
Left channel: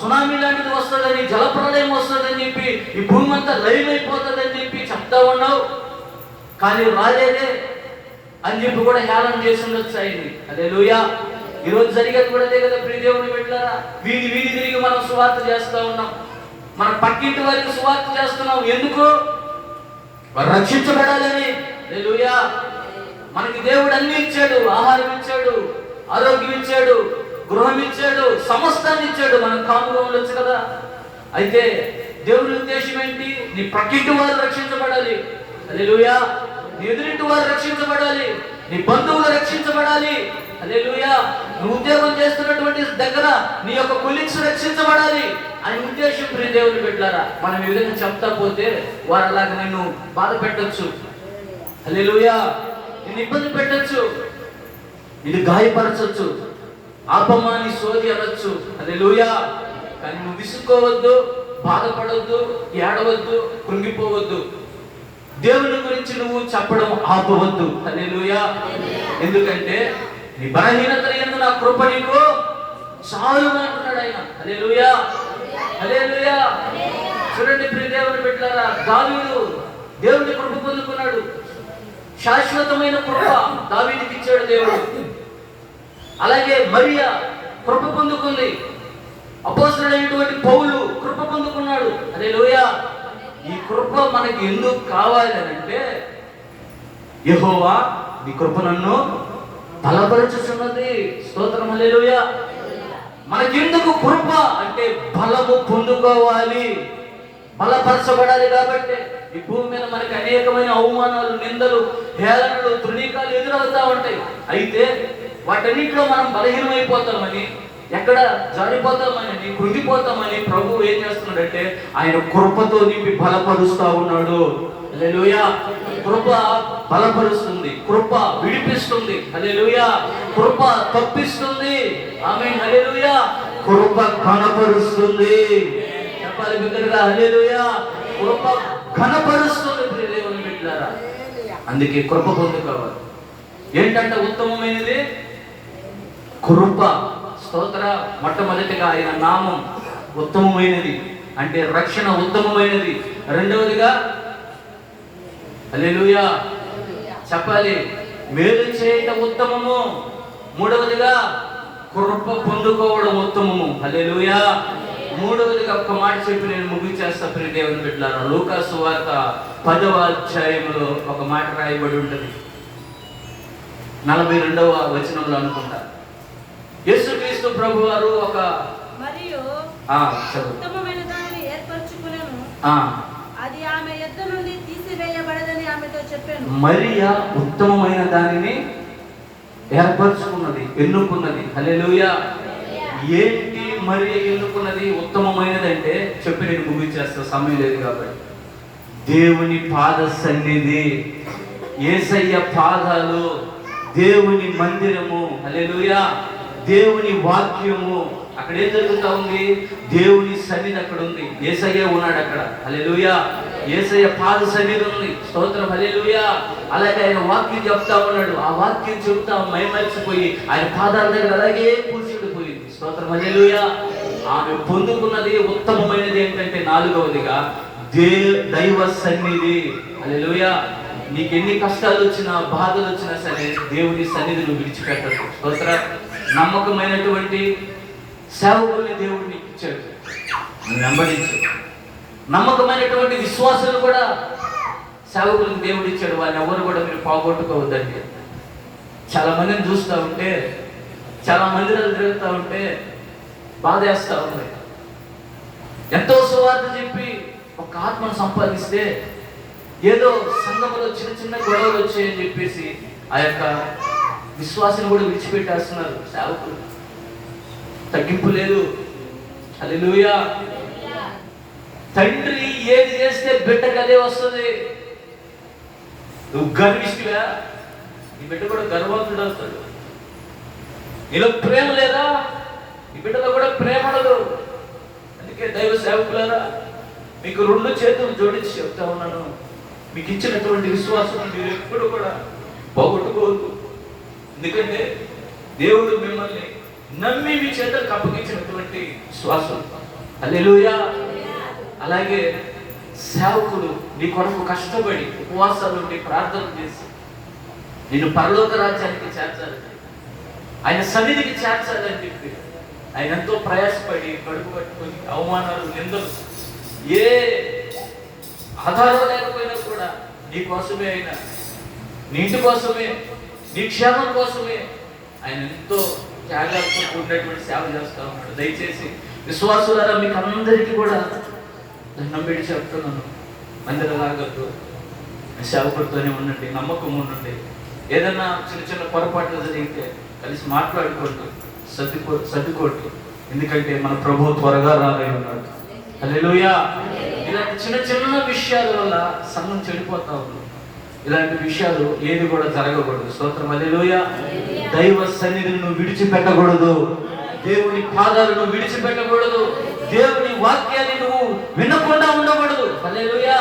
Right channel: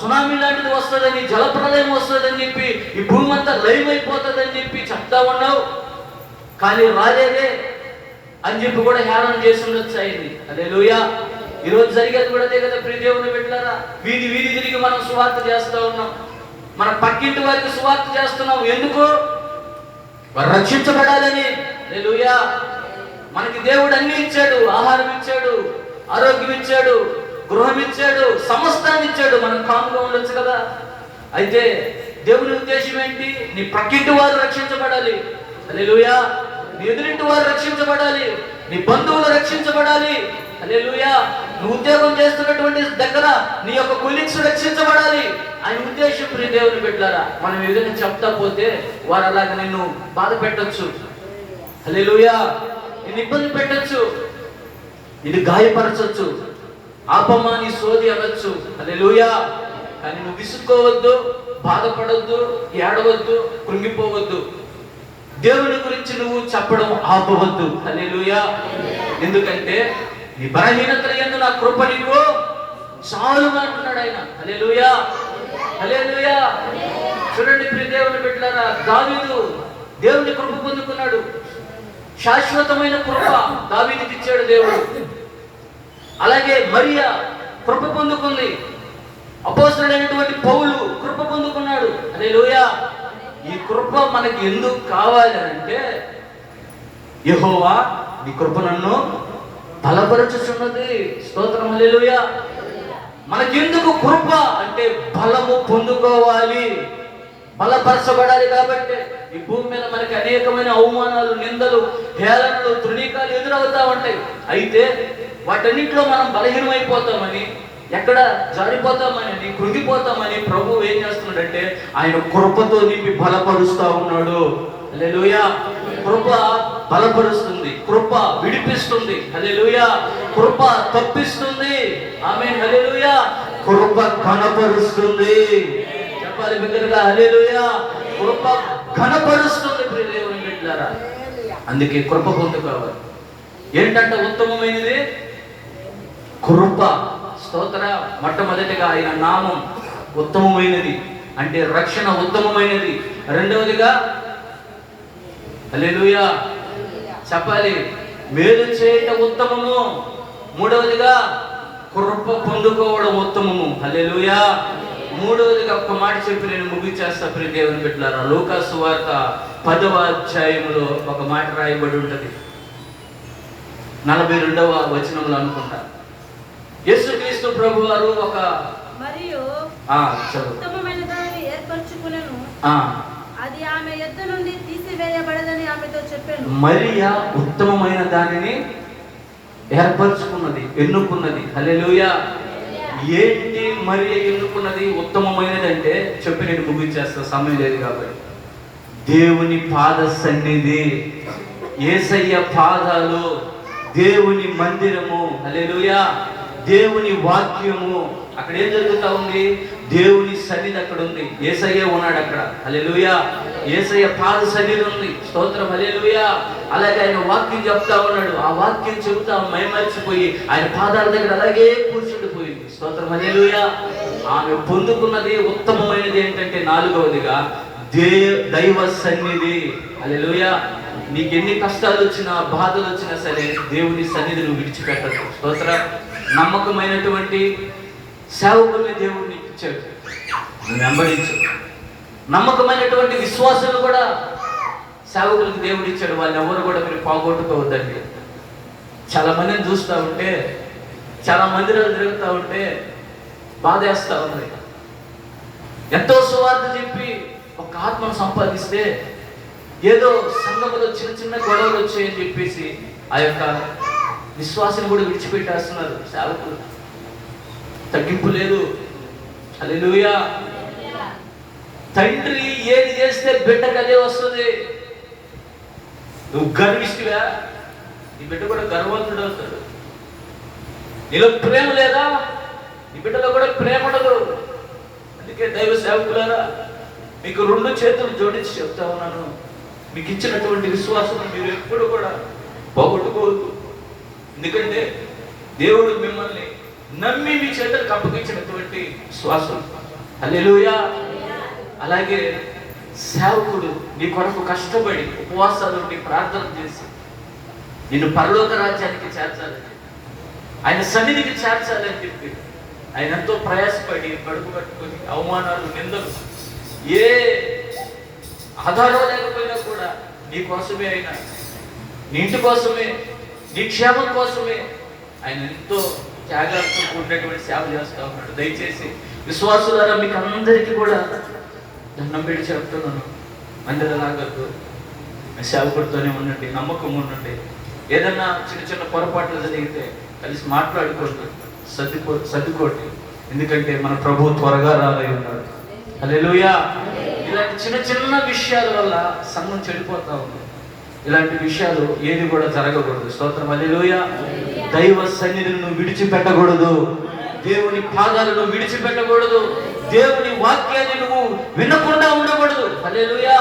సునామీ లాంటిది వస్తుందని, జలప్రలయం వస్తుందని చెప్పి, ఈ భూమి అంతా లైవ్ అయిపోతుందని చెప్పి చెప్తా ఉన్నావు, కానీ రాలేదే అని చెప్పి కూడా హేళన చేసి ఉండొచ్చు ఆయన్ని. హల్లెలూయా. ఈరోజు జరిగేది కూడా అదే కదా ప్రియ దేవుని బిడ్డలారా. వీధి తిరిగి మనం సువార్త చేస్తా ఉన్నాం. మన పక్కింటి వారికి సువార్త చేస్తున్నాం. ఎందుకు? వారు రక్షించబడాలని. హల్లెలూయా. మనకి దేవుడు అన్ని ఇచ్చాడు. ఆహారం ఇచ్చాడు, ఆరోగ్యం ఇచ్చాడు, గృహం ఇచ్చాడు, సమస్తాన్ని ఇచ్చాడు. మనం కాముగా ఉండొచ్చు కదా. అయితే దేవుని ఉద్దేశం ఏంటి? నీ పక్కింటి వారు రక్షించబడాలి. హల్లెలూయా. నీ ఎదురింటి వారు రక్షించబడాలి, నీ బంధువులు రక్షించబడాలి. హల్లెలూయా. నువ్వు ఉద్యోగం చేస్తున్నటువంటి దగ్గర నీ యొక్క కొలీగ్స్ రక్షించబడాలి. ఆయన ఉద్దేశం ప్రియ దేవుని బిడ్డలారా. మనం ఏదైనా చెప్తా పోతే వారు అలాగే నిన్ను బాధ పెట్టొచ్చు. హల్లెలూయా. నిన్ను ఇబ్బంది పెట్టొచ్చు, నిన్ను గాయపరచొచ్చు. ఆపమాని సోది అనొచ్చు, హల్లెలూయా. కానీ నువ్వు విసుక్కోవద్దు, బాధపడవద్దు, ఏడవద్దు, కృంగిపోవద్దు. దేవుని గురించి నువ్వు చెప్పడం ఆపవద్దు, హల్లెలూయా. ఎందుకంటే నీ బలహీనత యందు నా కృప నీకు చాలును అంటున్నాడు ఆయన, హల్లెలూయా, హల్లెలూయా. చూడండి ప్రియ దేవుని బిడ్డలారా, దావీదు దేవుని కృప పొందుకున్నాడు. శాశ్వతమైన కృప దావీదుకి ఇచ్చాడు దేవుడు. అలాగే మరియా కృప పొందుకుంది. అపోస్తలుడైనటువంటి పౌలు కృప పొందుకున్నాడు, హల్లెలూయా. ఈ కృప మనకి ఎందుకు కావాలి అంటే, యెహోవా నీ కృప నన్ను బలపరచుచున్నది, స్తోత్రం, హల్లెలూయా. మనకెందుకు కృప అంటే బలము పొందుకోవాలి, బలపరచబడాలి. కాబట్టి ఈ భూమి మీద మనకి అనేకమైన అవమానాలు, నిందలు, హేళనలు, తృణీకాలు ఎదురవుతా ఉంటాయి. అయితే వాటన్నింటిలో మనం బలహీనమైపోతామని, ఎక్కడ జారిపోతామని, కృంగిపోతామని ప్రభువు ఏం చేస్తున్నాడంటే ఆయన కృపతో నింపి బలపరుస్తా ఉన్నాడు, హల్లెలూయా. కృప బలపరుస్తుంది, కృప విడిపిస్తుంది, హల్లెలూయా. కృప తప్పిస్తుంది, ఆమేన్, హల్లెలూయా. కృప ఘనపరుస్తుంది, చెప్పాలి బిడ్డలారా, హల్లెలూయా. కృప ఘనపరుస్తుంది ప్రియ దేవుని బిడ్డలారా. అందుకే కృప పొందుకోవాలి. ఏంటంటే ఉత్తమమైనది కృప, స్తోత్ర. మొట్టమొదటిగా ఆయన నామం ఉత్తమమైనది, అంటే రక్షణ ఉత్తమమైనది. రెండవదిగా హల్లెలూయా చెప్పాలి, మేలు చేయటం ఉత్తమము. మూడవదిగా కృప పొందుకోవడం ఉత్తమము, హల్లెలూయా. మూడవదిగా ఒక్క మాట చెప్పి నేను ముగించేస్తా ప్రియ దేవుని బిడ్డలారా. లూకా సువార్త 10వ అధ్యాయంలో ఒక మాట రాయబడి ఉంటది, 42వ వచనంలో అనుకుంటా. యేసుక్రీస్తు ప్రభు వారు ఒక మరియు ఉత్తమమైన దానిని ఏర్పరచుకునేను, అది ఆమె యొద్ద నుండి తీసివేయబడదని ఆమెతో చెప్పాను. మరియా ఉత్తమమైన దానిని ఏర్పరచుకున్నది, ఎన్నుకున్నది, హల్లెలూయా. ఏంటి మరియా ఎన్నుకున్నది ఉత్తమమైనది అంటే చెప్పి నేను ముగించేస్తా, సమయం లేదు కాబట్టి. దేవుని పాద సన్నిధి, యేసయ్య పాదాలు, దేవుని మందిరము, హల్లెలూయా. దేవుని వాక్యము, అక్కడ ఏం జరుగుతా ఉంది? దేవుని సన్నిధి అక్కడ ఉంది, యేసయ్య ఉన్నాడు అక్కడ, హల్లెలూయా. యేసయ్య పాద సన్నిధి ఉంది, స్తోత్రం, హల్లెలూయా. అలాగే ఆయన వాక్యం చెప్తా ఉన్నాడు, ఆ వాక్యం చెబుతా మైమరిచిపోయి ఆయన పాదాల దగ్గర అలాగే కూర్చుండిపోయింది, స్తోత్రం, హల్లెలూయా. ఆమె పొందుకున్నది ఉత్తమమైనది ఏంటంటే 4వదిగా దైవ సన్నిధి, హల్లెలూయా. నీకు ఎన్ని కష్టాలు వచ్చినా, బాధలు వచ్చినా సరే దేవుని సన్నిధి నువ్వు విడిచిపెట్టదు, స్తోత్రం. నమ్మకమైనటువంటి సేవకుల్ని దేవుడు నీకు ఇచ్చాడు, నువ్వు వెంబడించు. నమ్మకమైనటువంటి విశ్వాసాలు కూడా సేవకులకు దేవుడు ఇచ్చాడు, వాళ్ళని ఎవరు కూడా మీరు పోగొట్టుకోవద్దండి. చాలా మందిని చూస్తూ ఉంటే, చాలా మందిరాలు తిరుగుతూ ఉంటే బాధ వేస్తూ ఉంది. ఎంతో సువార్త చెప్పి ఒక ఆత్మను సంపాదిస్తే ఏదో సంఘంలో చిన్న చిన్న గొడవలు వచ్చాయని చెప్పేసి ఆ యొక్క విశ్వాసం కూడా విడిచిపెట్టేస్తున్నారు సేవకులు. తగ్గింపు లేదు, హల్లెలూయా. తండ్రి ఏది చేస్తే బిడ్డకు అదే వస్తుంది. నువ్వు గర్విష్టివా, నీ బిడ్డ కూడా గర్వంతుడు అవుతాడు. నీలో ప్రేమ లేదా, నీ బిడ్డలో కూడా ప్రేమ ఉండదు. అందుకే దైవ సేవకులారా, మీకు 2 చేతులు జోడించి చెప్తా ఉన్నాను, మీకు ఇచ్చినటువంటి విశ్వాసం మీరు ఎప్పుడు కూడా పోగొట్టుకోవద్దు. ఎందుకంటే దేవుడు మిమ్మల్ని నమ్మి మీ చేతులకు అప్పగించినటువంటి విశ్వాసం, హల్లెలూయా. అలాగే సేవకుడు నీ కొరకు కష్టపడి ఉపవాసాలు ఉండి ప్రార్థన చేసి నిన్ను పరలోక రాజ్యానికి చేర్చాలని, ఆయన సన్నిధికి చేర్చాలి అని చెప్పి ఆయన ఎంతో ప్రయాసపడి కడుపు కట్టుకొని అవమానాలు, నిందలు, ఏ ఆధారం లేకపోయినా కూడా నీ కోసమే, ఆయన నీ ఇంటి కోసమే, నీ క్షేమం కోసమే ఆయన ఎంతో త్యాగాలతో కూడినటువంటి సేవ చేస్తూ ఉన్నాడు. దయచేసి విశ్వాసులారా, మీకు అందరికీ కూడా దండం పెట్టి చెప్తున్నాను, అందరూ రాగద్దు, సేవకుడితోనే ఉండండి, నమ్మకం ఉండండి. ఏదన్నా చిన్న చిన్న పొరపాట్లు జరిగితే కలిసి మాట్లాడుకోండి, సర్దుకోండి. ఎందుకంటే మన ప్రభువు త్వరగా రాబోయి ఉన్నాడు, హల్లెలూయా. ఇలాంటి చిన్న చిన్న విషయాల వల్ల సంఘం చెడిపోతా ఉంది. ఇలాంటి విషయాలు ఏది కూడా జరగకూడదు, స్తోత్రం, హల్లెలూయా. దైవ సన్నిధిని నువ్వు విడిచిపెట్టకూడదు. దేవుని పాదాలను విడిచిపెట్టకూడదు. దేవుని వాక్యాన్ని నువ్వు వినకుండా ఉండకూడదు. హల్లెలూయా.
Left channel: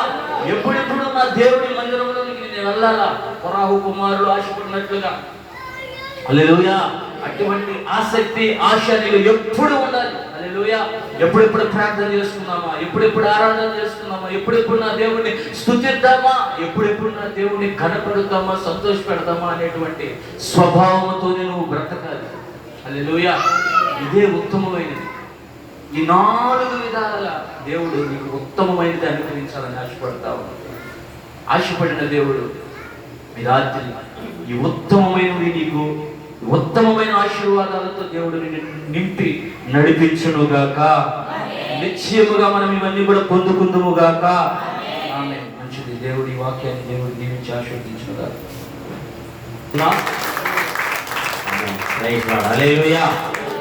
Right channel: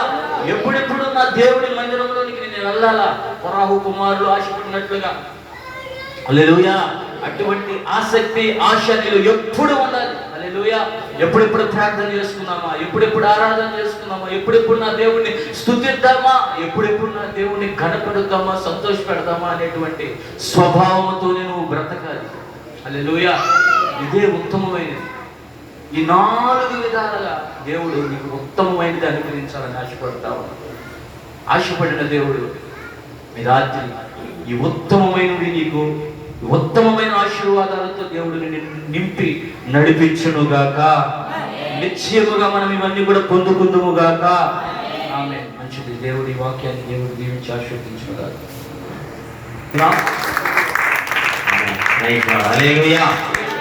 ఎప్పుడెప్పుడు నా దేవుని మందిరంలోనికి నేను వెళ్ళాలా, కొరాహు కుమారులు ఆశపడినట్లుగా. హల్లెలూయా. అటువంటి ఆసక్తి, ఆశ నీలో ఎప్పుడు ఉండాలి. హల్లెలూయా. ఎప్పుడెప్పుడు ప్రార్థన చేసుకున్నామా, ఎప్పుడెప్పుడు ఆరాధన చేసుకున్నామా, ఎప్పుడెప్పుడు నా దేవుణ్ణి స్తుతిద్దామా, ఎప్పుడెప్పుడు నా దేవుణ్ణి గణపెడతామా, సంతోషపెడతామా అనేటువంటి స్వభావంతో నువ్వు బ్రతకాలి. హల్లెలూయా. ఇదే ఉత్తమమైనది. ఈ 4 విధాలుగా దేవుడు నీకు ఉత్తమమైనది అనుగ్రహించాలని ఆశపడతావు. ఆశపడిన దేవుడు ఈ రాత్రి ఈ ఉత్తమమైనవి నీకు ఉత్తమమైన ఆశీర్వాదాలతో దేవుడు నింపి నడిపించునుగాక. నిశ్చయముగా మనం ఇవన్నీ కూడా పొందుకుందుముగాక. ఆమేన్. మంచిది. దేవుడి వాక్యాన్ని దేవుడు దీవించి ఆశీర్వదించునుగాక. హల్లెలూయా.